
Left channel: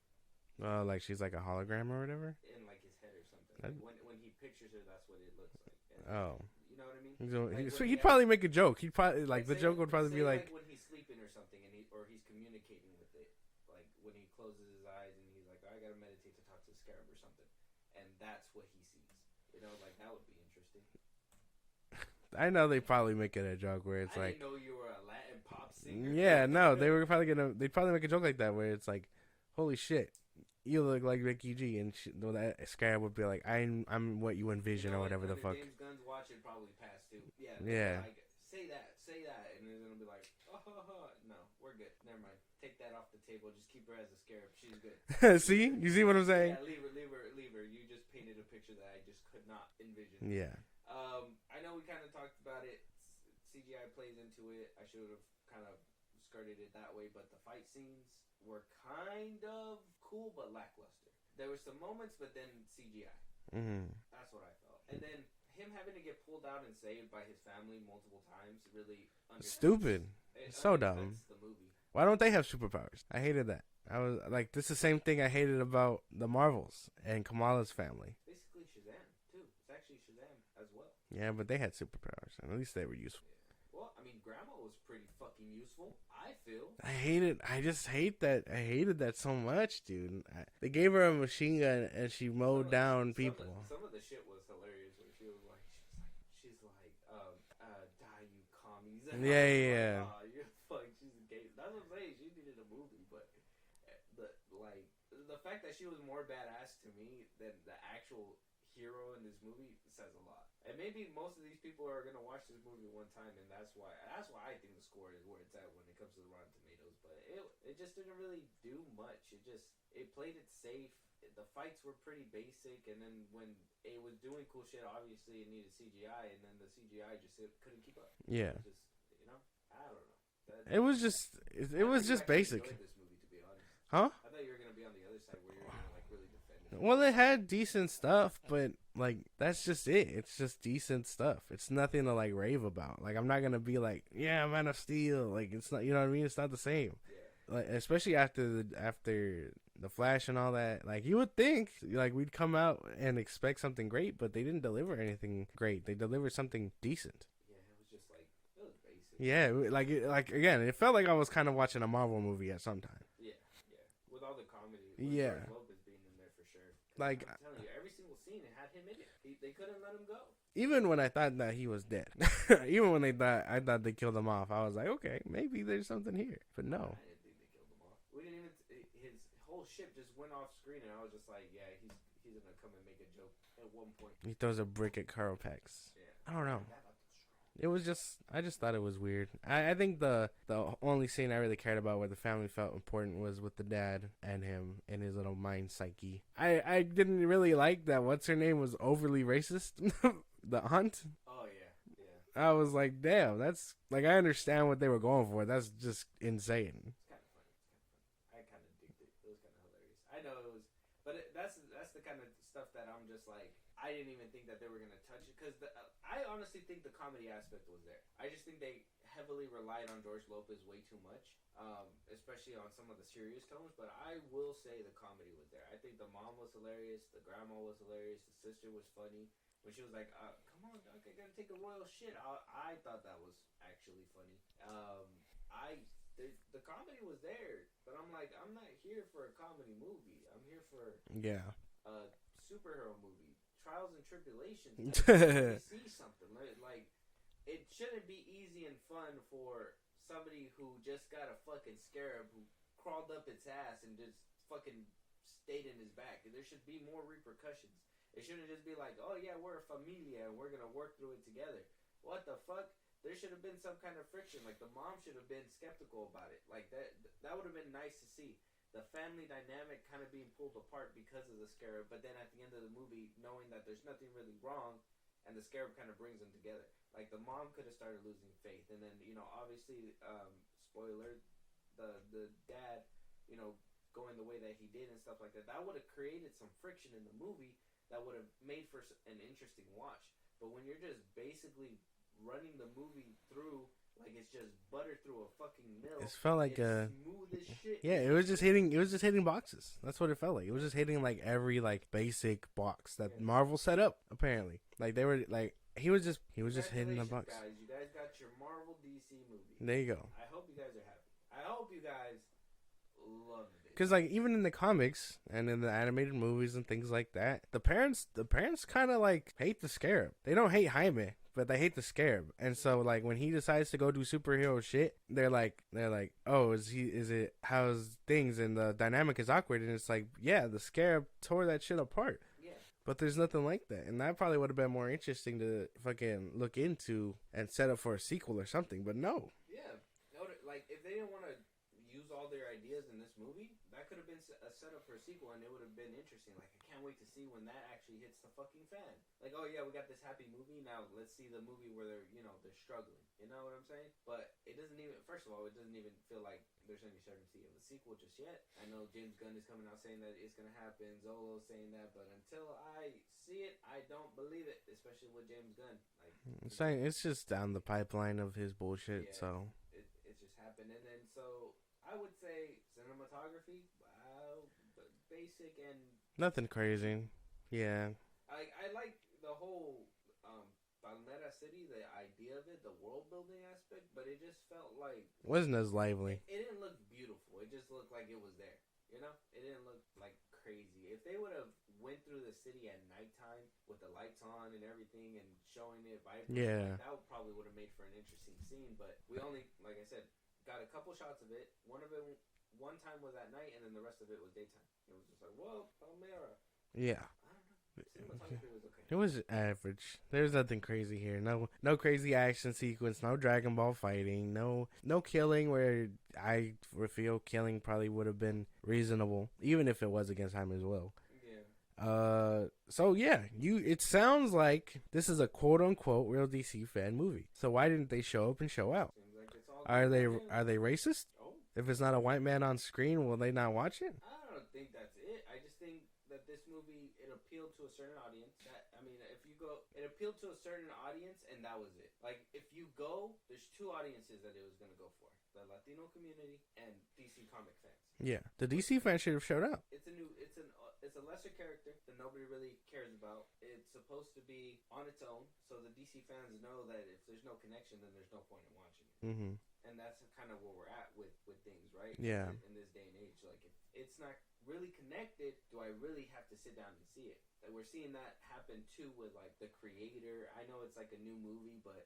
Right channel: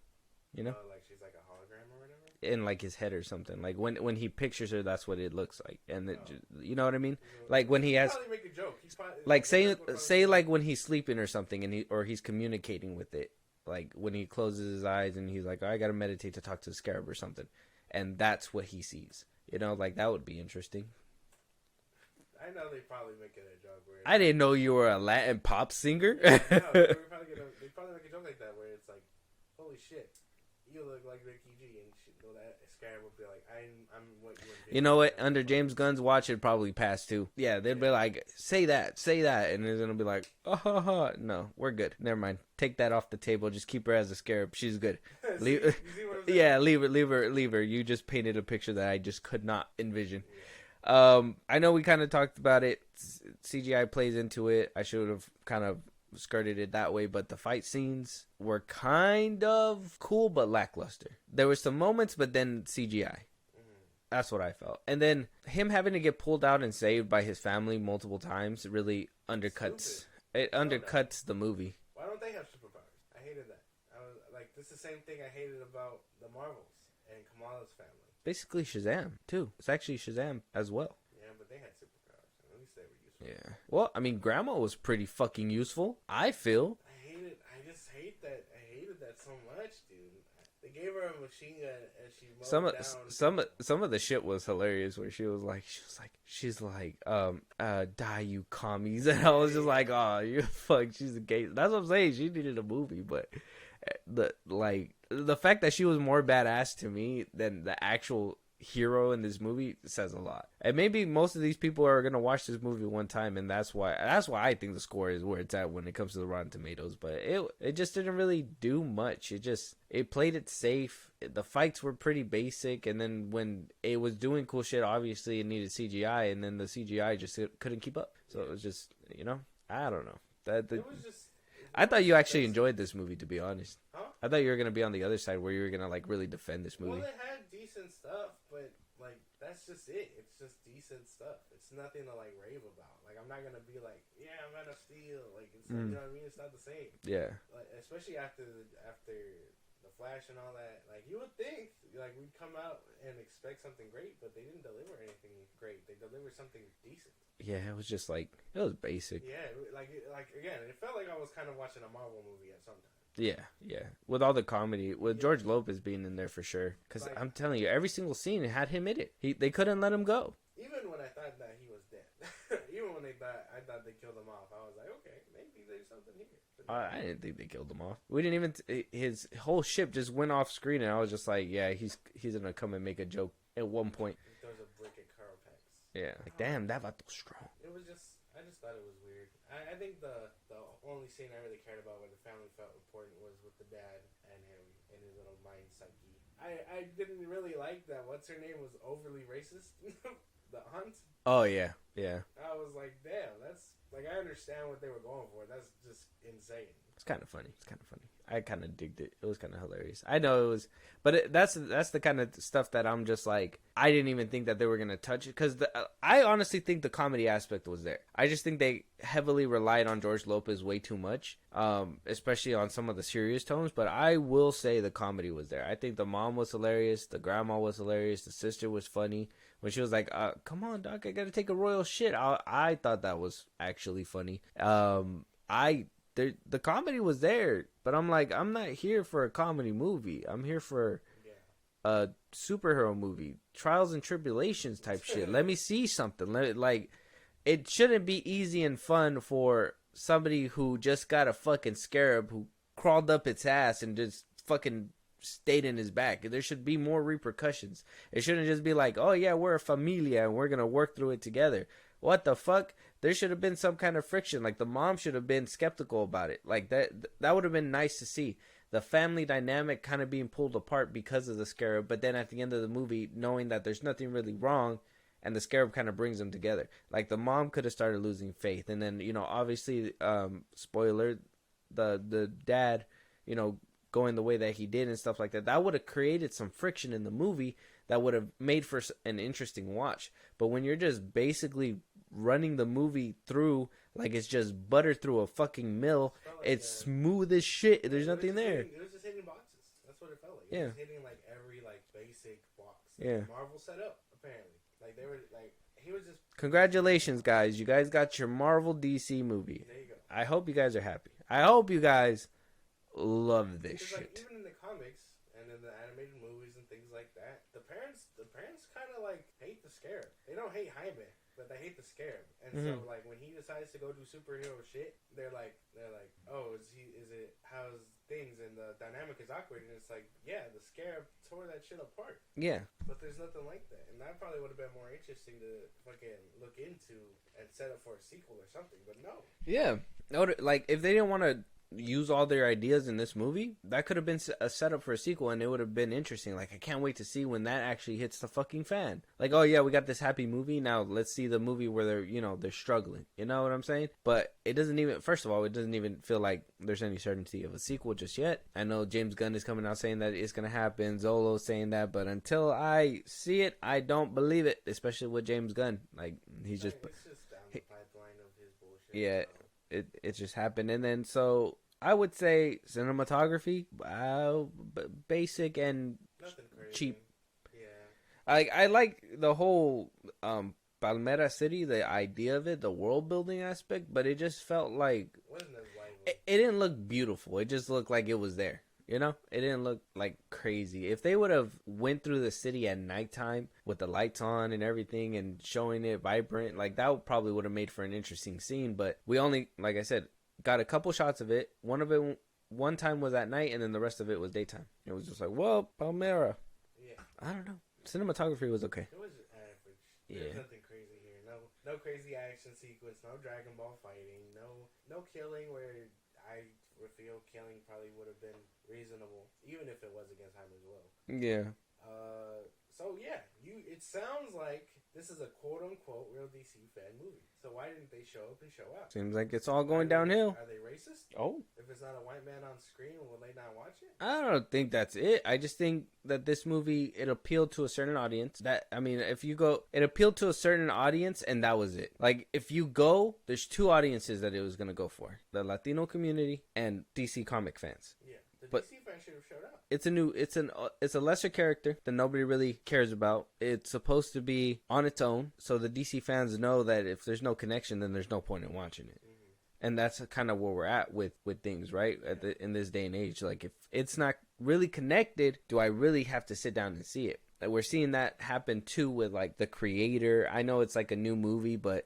Like she's like a hologram or whatever in like his head or something. Like when he pictures her, that's what it looks like. And then, you know what I mean? Like when he'd probably make a joke. He'd probably like say like when he's sleeping or something, and he's communicating with it. Like when he closes his eyes and he's like, oh, I gotta meditate to talk to the Scarab or something, and that's what he sees. Like that would be interesting. I know they probably make it a joke where I didn't know you were a Latin pop singer. Yeah, no, they'd probably make a joke like that where it's like, holy shit, you look like Mickey G, and that Scarab would be like, I'm what you envision. You know what? Under James Gunn's watch, it'd probably pass too. Yeah, they'd be like, say that, and it's gonna be like, no, we're good. Never mind. Take that off the table. Just keep her as a Scarab. She's good. See, you see what I'm saying? Yeah, leave her. You just painted a picture that I just could not envision. Yeah. I know we kind of talked about it. CGI plays into it. I should have kind of skirted it that way, but the fight scenes were kind of cool but lackluster. There were some moments, but then CGI. That's what I felt. And then him having to get pulled out and saved by his family multiple times really undercuts. Stupid. It So undercuts dumb. the movie. Why don't they have superpowers? I hated that. I was like, this is the same thing I hated about the Marvels and Kamala's family. Basically Shazam too. It's actually Shazam as well. Yeah, but they had superpowers, and at least they were useful. Yeah. Well, I mean, Grandma was pretty fucking useful, I feel. I hate it. I just hate that. I hated that so much, dude. They gave her a machine gun, and she mowed down people. Some of the shit was hilarious, where she's like, die you commies, and I was just like, oh, you fuck, she's a gay. That's what I'm saying. She needed a movie, but the fact that she was more badass to me than the actual hero in this movie says a lot. And maybe most of these people are gonna watch this movie one time, and that's why I think the score is where it's at when it comes to the Rotten Tomatoes. But it just didn't really do much. It played it safe. The fights were pretty basic, and then when it was doing cool shit, obviously it needed CGI, and then the CGI just couldn't keep up. So it was just, I don't know. It was just. I thought you actually enjoyed this movie, to be honest. Huh? I thought you were gonna be on the other side where you were gonna like really defend this movie. Well, it had decent stuff, but like that's just it. It's just decent stuff. It's nothing to like rave about. Like I'm not gonna be like, yeah, Man of Steel. Like it's not. You know what I mean? It's not the same. Yeah. Like especially after the Flash and all that. Like you would think like we'd come out and expect something great, but they didn't deliver anything great. They delivered something decent. Yeah, it was just like it was basic. Yeah, like again, it felt like I was kind of watching a Marvel movie at some time. Yeah, with all the comedy, with George Lopez being in there for sure. Because like, I'm telling you, every single scene had him in it. They couldn't let him go. Even when I thought that he was dead, even when I thought they killed him off, I was like, okay, maybe there's something here. But no, I didn't think they killed him off. We didn't even. His whole ship just went off screen, and I was just like, yeah, he's gonna come and make a joke at one point. He throws a brick at Carl Pex. Yeah, damn, that vato strong. It was just, I just thought it was weird. I think the only scene I really cared about where the family felt important was with the dad and him and his little mind psyche. I didn't really like that. What's her name was overly racist. The aunt. Oh yeah. I was like, damn, that's like I understand what they were going for. That's just insane. It's kind of funny. I kind of digged it. It was kind of hilarious. I know it was, but that's the kind of stuff that I'm just like, I didn't even think that they were gonna touch it because I honestly think the comedy aspect was there. I just think they heavily relied on George Lopez way too much, especially on some of the serious tones. But I will say the comedy was there. I think the mom was hilarious, the grandma was hilarious, the sister was funny when she was like, "Come on, Doc, I gotta take a royal shit." I thought that was actually funny. The comedy was there, but I'm like, I'm not here for a comedy movie. I'm here for a superhero movie, trials and tribulations type shit. Let me see something. It shouldn't be easy and fun for somebody who just got a fucking scarab who crawled up its ass and just fucking stayed in his back. There should be more repercussions. It shouldn't just be like, oh yeah, we're a familia and we're gonna work through it together. What the fuck? There should have been some kind of friction. Like the mom should have been skeptical about it. Like that would have been nice to see. The family dynamic kind of being pulled apart because of the scarab, but then at the end of the movie, knowing that there's nothing really wrong, and the scarab kind of brings them together. Like the mom could have started losing faith, and then obviously, spoiler, the dad, going the way that he did and stuff like that. That would have created some friction in the movie that would have made for an interesting watch. But when you're just basically running the movie through like it's just butter through a fucking mill, it's smooth as shit. Yeah, it was just hitting boxes. That's what it felt like. It was just hitting like every like basic box that Marvel set up. Apparently, like they were like he was just. Congratulations, guys! You guys got your Marvel DC movie. There you go. I hope you guys are happy. I hope you guys love this. Because like even in the comics and in the animated movies and things like that, the parents kind of like hate the Scarab. They don't hate Jaime, but they hate the Scarab. And so like when he decides to go do superhero shit, they're like, oh, is it how's things? And the dynamic is awkward. And it's like, yeah, the Scarab tore that shit apart. Yeah. But there's nothing like that. And that probably would have been more interesting to fucking look into and set up for a sequel or something. But no. Yeah. Like, if they didn't want to use all their ideas in this movie, that could have been a setup for a sequel, and it would have been interesting. Like, I can't wait to see when that actually hits the fucking fan. Like, oh yeah, we got this happy movie, now let's see the movie where they're struggling. You know what I'm saying? But it doesn't even, first of all, it doesn't even feel like there's any certainty of a sequel just yet. I know James Gunn is coming out saying that it's gonna happen, Zolo's saying that, but until I see it, I don't believe it, especially with James Gunn. Like, it's just down the pipeline of his bullshit. Yeah, so. it just happened. And then so I would say cinematography, basic and nothing crazy. Cheap. Yeah, I like the whole Palmera City, the idea of it, the world building aspect, but it just felt like wasn't as lively. It didn't look beautiful. It just looked like it was there. You know, it didn't look like crazy. If they would have went through the city at nighttime with the lights on and everything and showing it vibrant, like that probably would have made for an interesting scene. But we only, like I said, got a couple shots of it. One time was at night, and then the rest of it was daytime. It was just like, well, Palmera. Yeah, I don't know. Cinematography was okay. It was average. There's nothing crazy here. No crazy action sequence. No Dragon Ball fighting. No killing. Where I feel killing probably would have been reasonable, even if it was against Jaime as well. Yeah. So yeah, it sounds like this is a quote unquote real DC fan movie. So why didn't they show up and show out? Seems like it's all going downhill. Are they racist? Oh. If it's not a white man on screen, will they not watch it? I don't think that's it. I just think that this movie, it appealed to a certain audience. It appealed to a certain audience, and that was it. Like, if you go, there's two audiences that it was going to go for. The Latino community and DC comic fans. Yeah. The DC fans should have showed up. It's a lesser character that nobody really cares about. It's supposed to be on its own, so the DC fans know that if there's no connection, then there's no point in watching it. Mm-hmm. And that's kind of where we're at with things, right? Yeah. In this day and age. Like, if it's not really connected, do I really have to sit down and see it? Like, we're seeing that happen too with like The Creator. I know it's like a new movie, but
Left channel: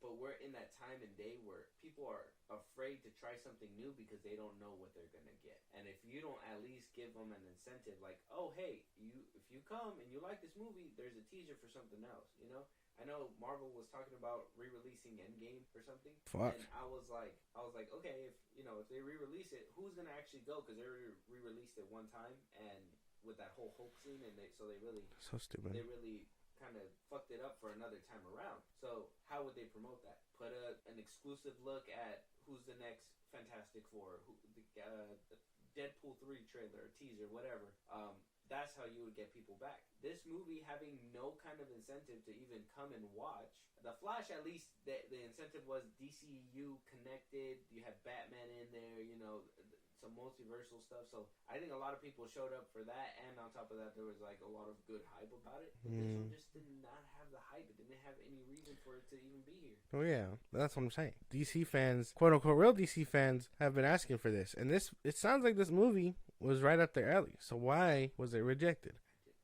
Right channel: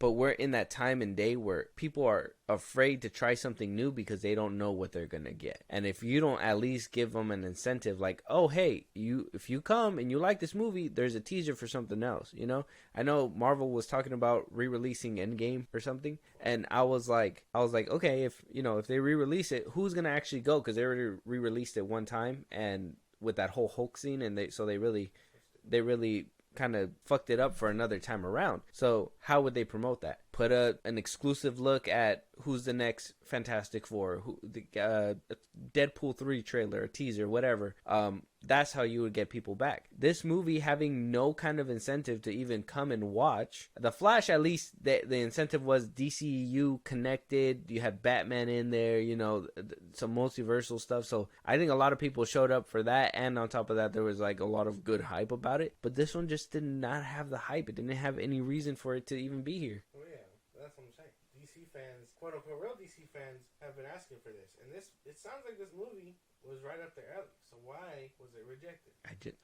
we're in that time and day where people are afraid to try something new because they don't know what they're gonna get. And if you don't at least give them an incentive, like, oh hey, if you come and you like this movie, there's a teaser for something else. You know, I know Marvel was talking about re-releasing Endgame or something, and I was like, okay, if they re-release it, who's gonna actually go? Because they already re-released it one time, and with that whole Hulk scene, and they really kind of fucked it up for another time around. So how would they promote that? Put an exclusive look at who's the next Fantastic Four, Deadpool 3 trailer, a teaser, whatever. That's how you would get people back. This movie having no kind of incentive to even come and watch. The Flash, at least the incentive was DCEU connected. You had Batman in there, some multiversal stuff. So I think a lot of people showed up for that, and on top of that, there was like a lot of good hype about it. But this one just did not have the hype. It didn't have any reason for it to even be here. Oh yeah, that's what I'm saying. DC fans, quote unquote real DC fans, have been asking for this, and it sounds like this movie was right up their alley. So why was it rejected?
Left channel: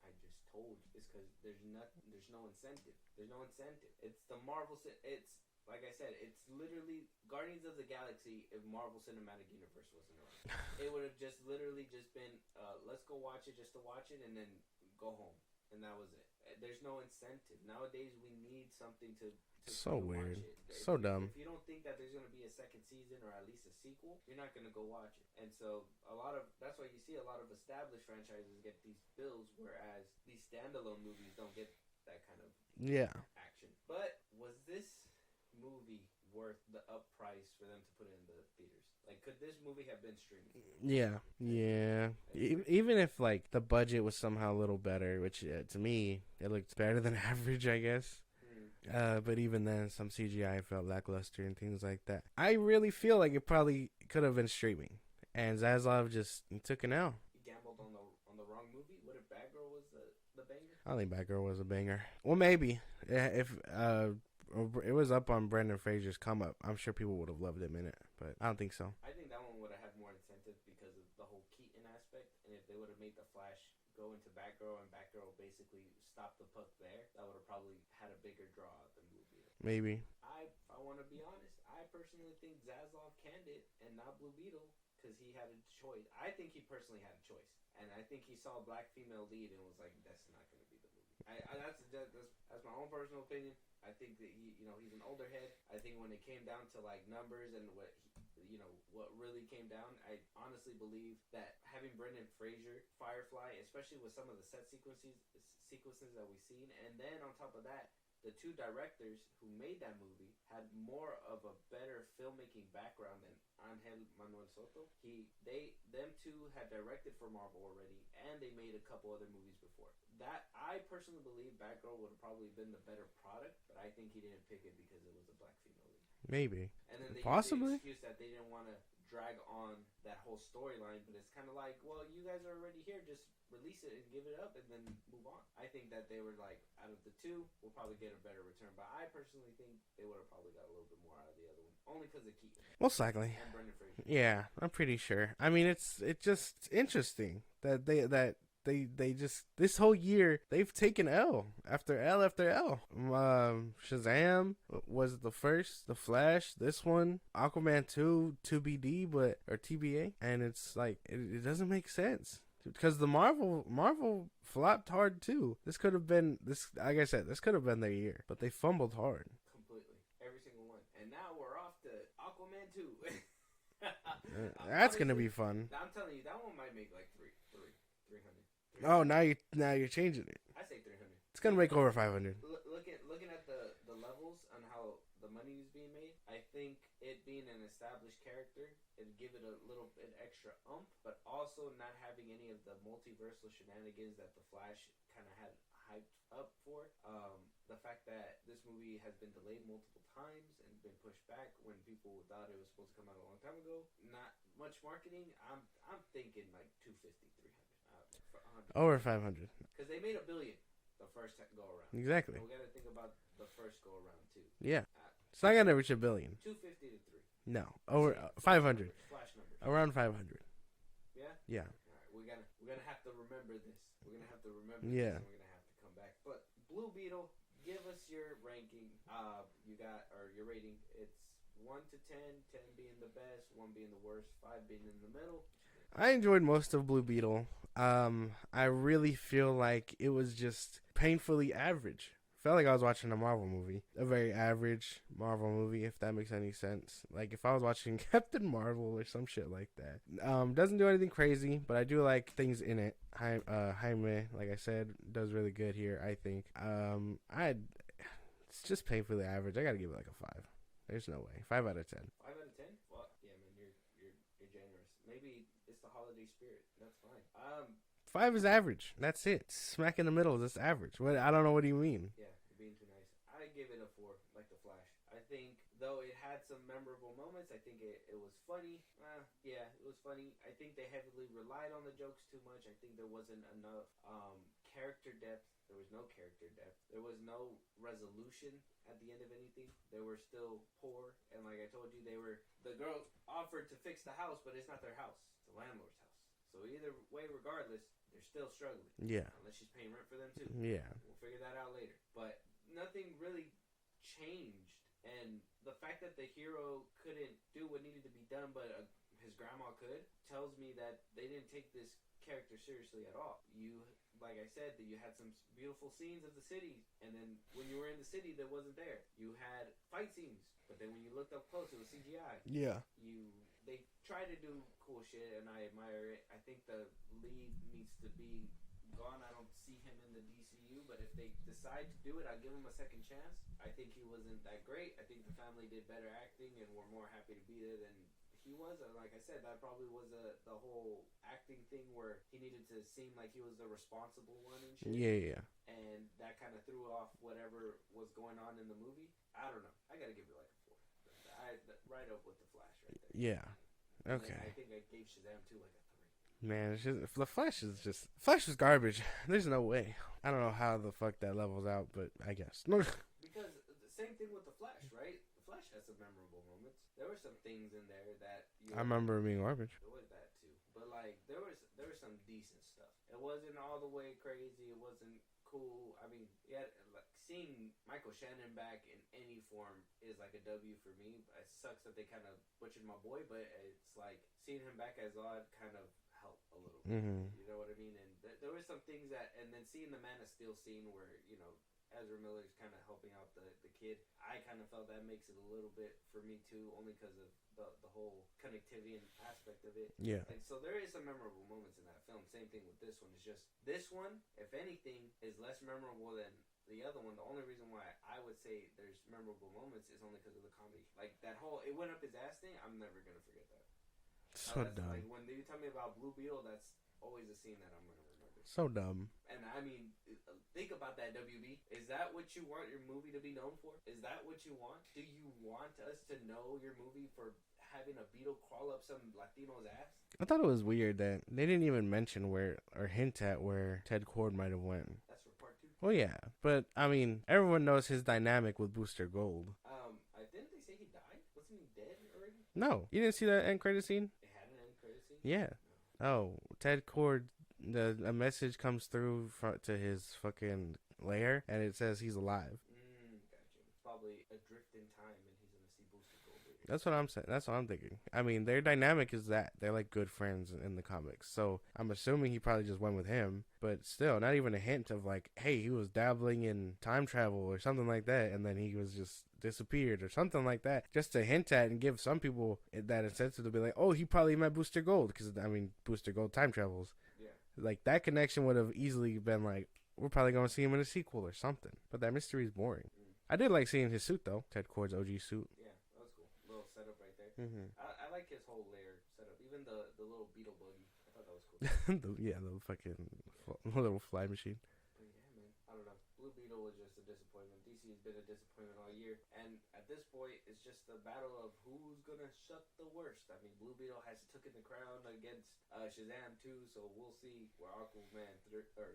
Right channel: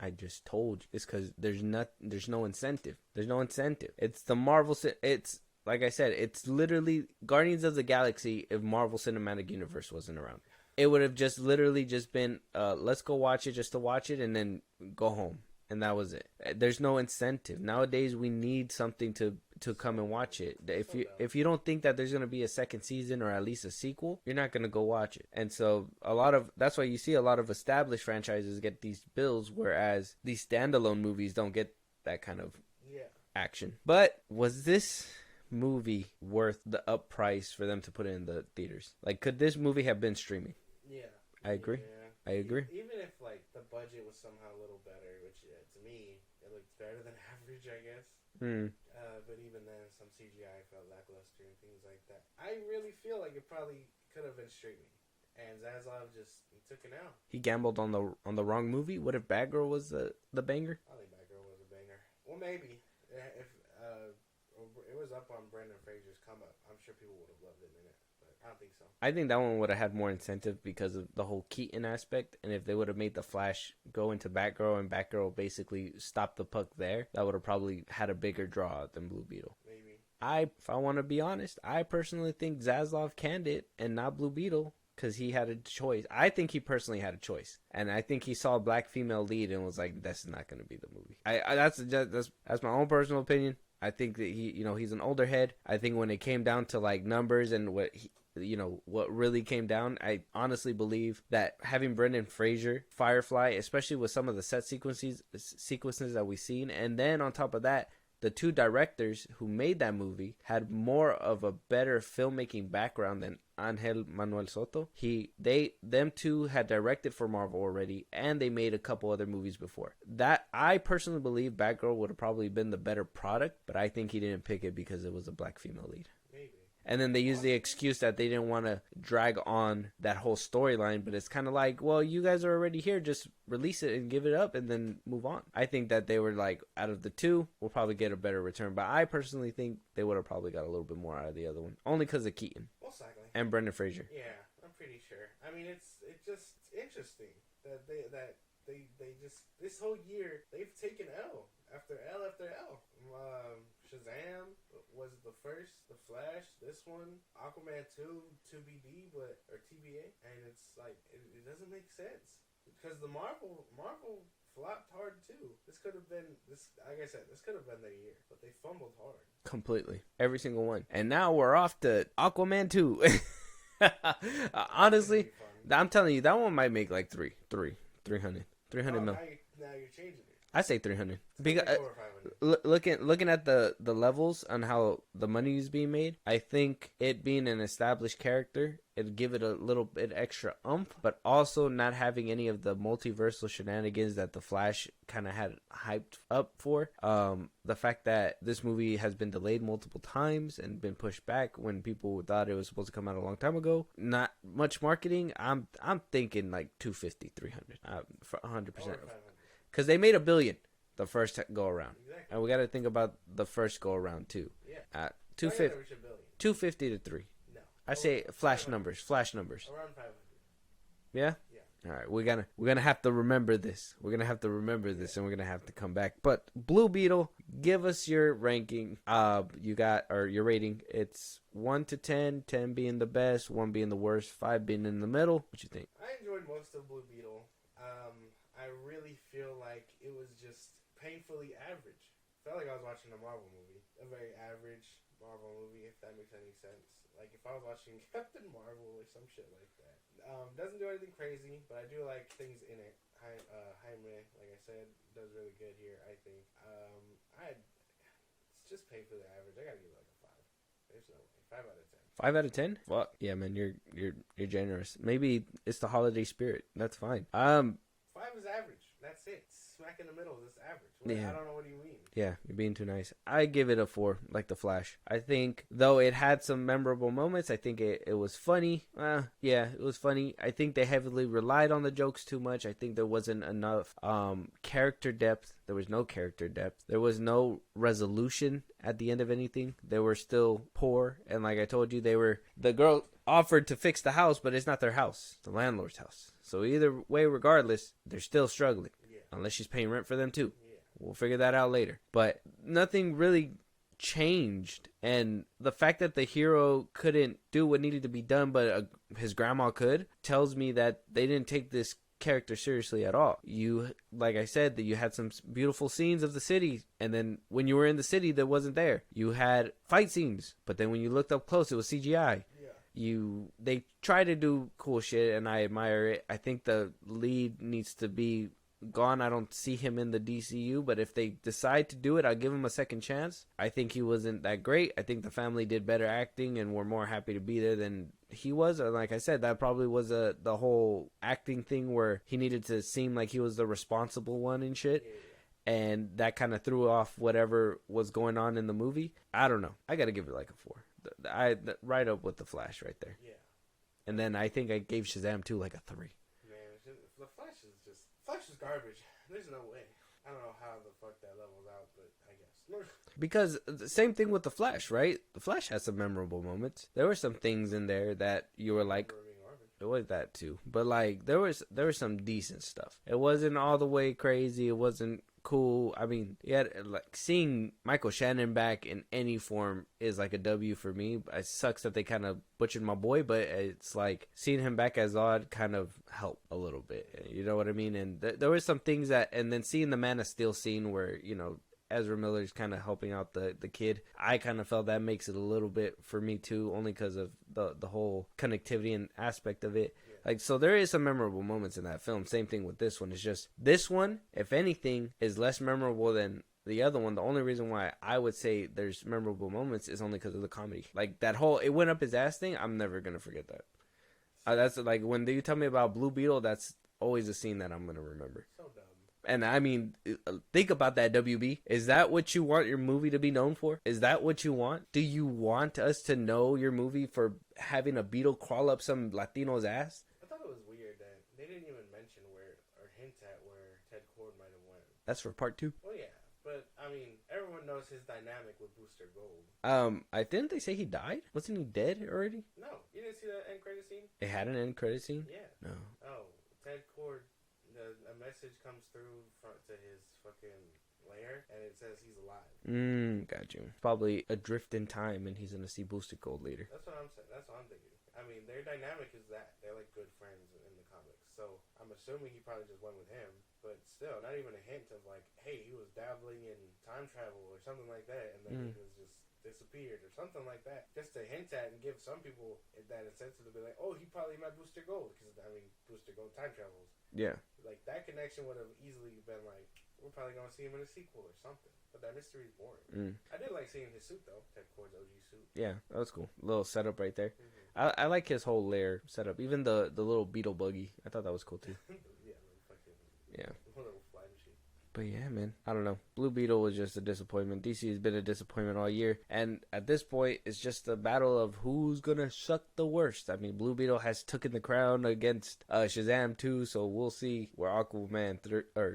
I just told you. It's because there's no incentive. There's no incentive. It's the Marvel. It's like I said. It's literally Guardians of the Galaxy if Marvel Cinematic Universe wasn't around. It would have just literally just been let's go watch it just to watch it and then go home. And that was it. There's no incentive. Nowadays, we need something to come and watch it. If you don't think that there's going to be a second season or at least a sequel, you're not going to go watch it. And so that's why you see a lot of established franchises get these bills, whereas these standalone movies don't get that kind of action. But was this movie worth the up price for them to put it in the theaters? Like, could this movie have been streaming? Yeah, I agree. Even if like the budget was somehow a little better, which to me it looked better than average, I guess. But even then, some CGI felt lackluster and things like that. I really feel like it probably could have been streaming, and Zaslav just took it out. He gambled on the wrong movie. What if Batgirl was the banger? I think Batgirl was a banger. Well, maybe if it was up on Brendan Fraser's come up, I'm sure people would have loved him in it. but I don't think so. I think that one would have had more incentive because of the whole Keaton aspect, and if they would have made the Flash go into Batgirl and Batgirl basically stop the puck there, that would have probably had a bigger draw than Blue Beetle. Maybe. If I want to be honest, I personally think Zaslav canned it and not Blue Beetle because he had a choice. I think he personally had a choice, and I think he saw a black female lead and was like, "That's not going to be the movie." That's my own personal opinion. I think that he's an older head. I think when it came down to like numbers and what really came down, I honestly believe that having Brendan Fraser, Firefly, especially with some of the set sequences that we've seen, and then on top of that, the two directors who made that movie had more of a better filmmaking background than Angel Manuel Soto. Them two had directed for Marvel already, and they made a couple other movies before. That I personally believe Batgirl would have probably been the better product, but I think he didn't pick it because it was a black female lead. Maybe. And then they used the excuse that they didn't want to drag on that whole storyline, but it's kind of like, well, you guys are already here, just release it and give it up and then move on. I think that they were like, out of the two, we'll probably get a better return, but I personally think they would have probably got a little bit more out of the other one, only because of Keaton. Most likely. And Brendan Fraser. Yeah, I'm pretty sure. I mean, it's just interesting that they just this whole year they've taken L after L after L. Shazam was the first, The Flash, this one, Aquaman 2 2BD or TBA, and it's like it doesn't make sense because the Marvel flopped hard too. This could have been like I said, this could have been their year, but they fumbled hard completely, every single one. And now we're off to Aquaman 2. Honestly, gonna be fun. I'm telling you, that one might make like 300. Oh, now you're changing it. I say 300. It's gonna make over 500. Looking at the levels on how the money is being made, I think it being an established character, it'd give it a little bit extra oomph, but also not having any of the multiversal shenanigans that the Flash kind of had hyped up for. The fact that this movie has been delayed multiple times and been pushed back when people thought it was supposed to come out a long time ago. Not much marketing. I'm thinking like 250, 300, for 100%. Over 500. Because they made $1 billion the first go around. Exactly. And we got to think about the first go around too. Yeah. It's not gonna reach $1 billion. 250 to 3. No. I say flash 500. numbers. Flash numbers. Around 500. Yeah? Yeah. All right. We're gonna have to remember this. We're gonna have to remember this, and we're gonna have to come back. But Blue Beetle, give us your ranking. Your rating. It's 1 to 10, 10 being the best, 1 being the worst, 5 being in the middle. What you think? I enjoyed most of Blue Beetle. I really feel like it was just painfully average. Felt like I was watching a Marvel movie, a very average Marvel movie, if that makes any sense. Like if I was watching Captain Marvel or some shit like that. Doesn't do anything crazy, but I do like things in it. Jaime, like I said, does really good here, I think. It's just painfully average. I gotta give it like a 5. There's no way. 5 out of 10. 5 out of 10? Well, yeah, man, you're generous. Maybe it's the holiday spirit. That's fine. 5 is average. That's it. Smack in the middle. That's average. Yeah. I don't know what do you mean. Yeah, you're being too nice. I give it a 4, like the Flash. I think, though it had some memorable moments, I think it was funny. Yeah, it was funny. I think they heavily relied on the jokes too much. I think there wasn't enough character depth. There was no character depth. There was no resolution at the end of anything. They were still poor. And like I told you, the girl offered to fix the house, but it's not their house. It's the landlord's house. So either way, regardless, they're still struggling. Yeah. Unless she's paying rent for them too. Yeah. We'll figure that out later. But nothing really changed. And the fact that the hero couldn't do what needed to be done, but his grandma could, tells me that they didn't take this character seriously at all. Like I said, that you had some beautiful scenes of the city, and then when you were in the city that wasn't there, you had fight scenes, but then when you looked up close, it was CGI. Yeah. They try to do cool shit, and I admire it. I think the lead needs to be gone. I don't see him in the DCEU, but if they decide to do it, I'll give him a second chance. I think he wasn't that great. I think the family did better acting and were more happy to be there than he was. And like I said, that probably was the whole acting thing where he needed to seem like he was the responsible one and shit. Yeah. And that kind of threw off whatever was going on in the movie. I don't know. I got to give it like a 4. Right up with the Flash right there. Yeah. And then I think I gave Shazam 2 like a 3. Man, it's just, the Flash is garbage. There's no way. I don't know how the fuck that levels out, but I guess. Because the same thing with The Flash, right? The Flash has some memorable moments. There were some things in there that you were like, remember being garbage. it was that too. But like there was some decent stuff. It wasn't all the way crazy. It wasn't cool. I mean, yeah, like seeing Michael Shannon back in any form is like a W for me. It sucks that they kind of butchered my boy, but it's like seeing him back as Zod kind of helped a little bit. You know what I mean? And there were some things that, and then seeing the Man of Steel scene where, you know, Ezra Miller's kind of helping out the kid, I kind of felt that makes it a little bit for me too, only because of the whole connectivity and aspect of it. Yeah. Like, so there is some memorable moments in that film. Same thing with this one. It's just this one, if anything, is less memorable than the other one. The only reason why I would say there's memorable moments is only because of the comedy. Like that whole "it went up his ass" thing, I'm never gonna forget that. That's like when you tell me about Blue Beetle, that's always a scene that I'm gonna remember. So dumb. And I mean, think about that, WB. Is that what you want your movie to be known for? Is that what you want? Do you want us to know your movie for having a beetle crawl up some Latino's ass? I thought it was weird that they didn't even mention where or hint at where Ted Kord might have went. That's for part 2. Well, yeah, but I mean, everyone knows his dynamic with Booster Gold. I didn't they say he died? Wasn't he dead already? No, you didn't see that end credit scene? It had an end credit scene. Yeah. No. Oh, Ted Kord. A message comes through to his fucking lair, and it says he's alive. Got you. Probably adrift in time, and he's gonna see Booster Gold later. That's what I'm saying. That's what I'm thinking. I mean, their dynamic is that they're like good friends in the comics. So I'm assuming he probably just went with him, but still, not even a hint of like, hey, he was dabbling in time travel or something like that, and then he was just disappeared or something like that, just to hint at and give some people that incentive to be like, oh, he probably met Booster Gold, because I mean, Booster Gold time travels. Yeah, like that connection would have easily been like, we're probably going to see him in a sequel or something. But that mystery is boring. I did like seeing his suit, though. Ted Kord's OG suit. Yeah, that was cool. Little setup right there. I like his whole lair setup. Even the little beetle buggy. I thought that was cool, too. the fucking little fly machine. But yeah, man, I don't know. Blue Beetle was just a disappointment. DC has been a disappointment all year. And at this point, it's just a battle of who's going to suck the worst. I mean, Blue Beetle has taken the crown against Shazam 2, so we'll see where Aquaman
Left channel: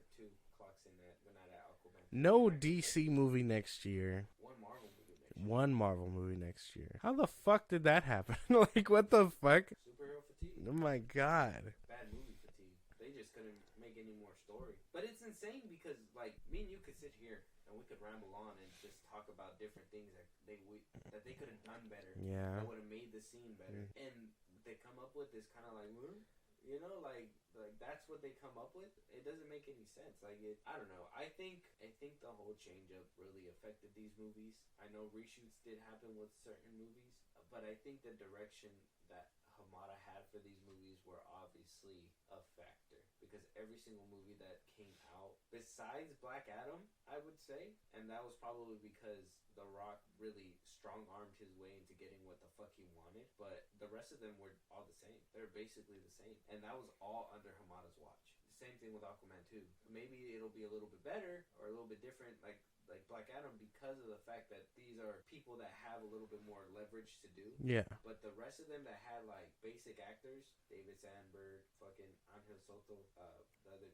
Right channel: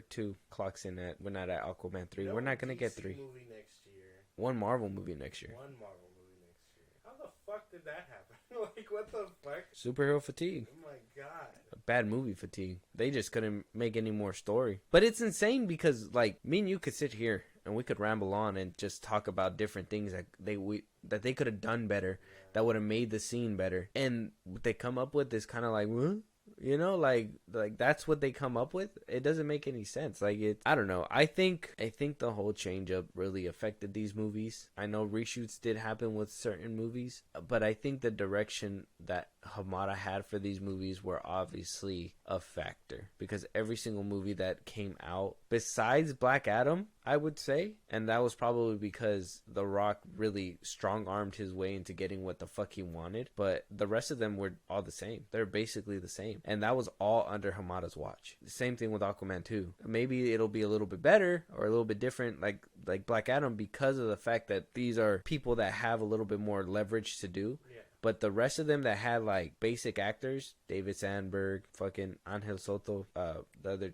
2 clocks in at. We're not at Aquaman 3. No We're not gonna DC get 3. movie next year. One Marvel movie next year. One Marvel movie next year. How the fuck did that happen? Like, what the fuck? Superhero fatigue. Oh my god. Bad movie fatigue. They just couldn't make any more story. But it's insane because, like, me and you could sit here and we could ramble on and just talk about different things that they could have done better, that would have made the scene better. And what they come up with is kind of like, what? You know, like that's what they come up with. It doesn't make any sense. Like, I don't know. I think the whole change up really affected these movies. I know reshoots did happen with certain movies, but I think the direction that Hamada had for these movies were obviously a factor, because every single movie that came out besides Black Adam, I would say, and that was probably because The Rock really strong-armed his way into getting what the fuck he wanted, but the rest of them were all the same. They're basically the same, and that was all under Hamada's watch. The same thing with Aquaman 2. Maybe it'll be a little bit better or a little bit different like Black Adam, because of the fact that these are people that have a little bit more leverage to do. Yeah. But the rest of them that had like basic actors, David Sandberg, fucking Angel Soto, the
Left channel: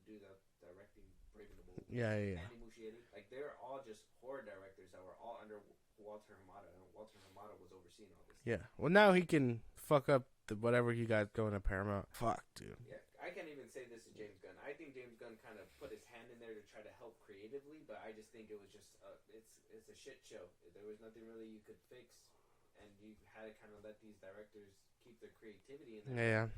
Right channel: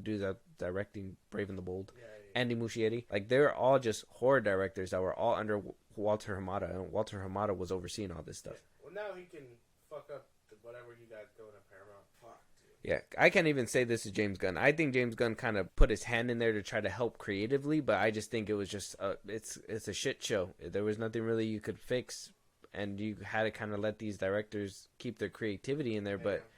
dudes that directing Brave and the Bold, Andy Muschietti, like they're all just horror directors that were all under Walter Hamada, and Walter Hamada was overseeing all this stuff. Yeah. Well, now he can fuck up whatever you got going at Paramount. Fuck, dude. Yeah, I can't even say this is James Gunn. I think James Gunn kind of put his hand in there to try to help creatively, but I just think it was just it's a shit show. There was nothing really you could fix, and you had to kind of let these directors keep their creativity in there. Yeah. But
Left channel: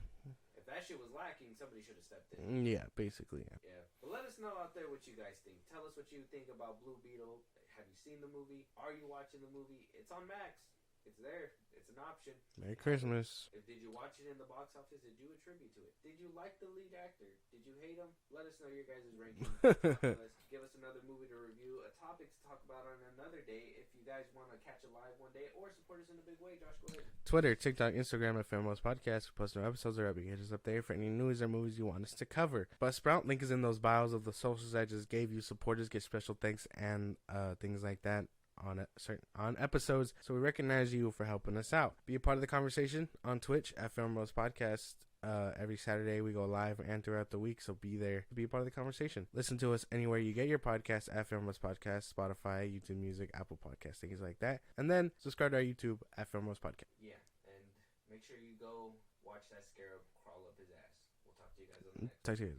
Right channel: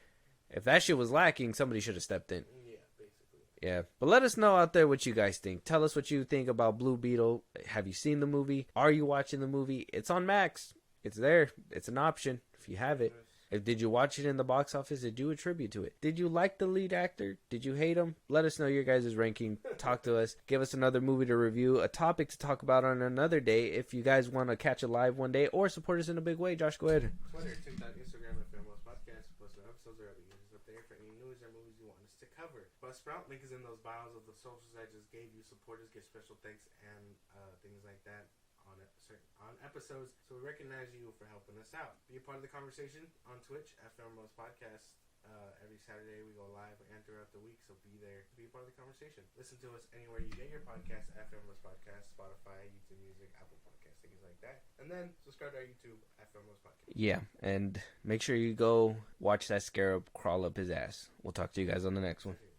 if that shit was lacking, somebody should have stepped in. Yeah, basically. Yeah. But let us know out there what you guys think. Tell us what you think about Blue Beetle. Have you seen the movie? Are you watching the movie? It's on Max. It's there. It's an option if you have it. Did you watch it in the box office? Did you attribute to it? Did you like the lead actor? Did you hate him? Let us know your guys' ranking. Talk to us. Give us another movie to review, a topic to talk about on another day. If you guys want to catch a live one day or support us in a big way, Josh, go ahead. Twitter, TikTok, Instagram at FilmBros Podcast. We post new episodes or hit us up there for any news or movies you want us to cover. Buzzsprout, link is in those bios of the socials I just gave you. Supporters get special thanks and things like that on episodes, so we recognize you for helping us out. Be a part of the conversation on Twitch at FilmBros Podcast Every Saturday we go live and throughout the week, so be there to be a part of the conversation. Listen to us anywhere you get your podcast, at FilmBros Podcast, Spotify, YouTube Music, Apple Podcasts, things like that. And then subscribe to our YouTube at FilmBros Podcast. Yeah, and make sure you go watch that scarab crawl up his ass. We'll talk to you guys on the next one. Talk to you.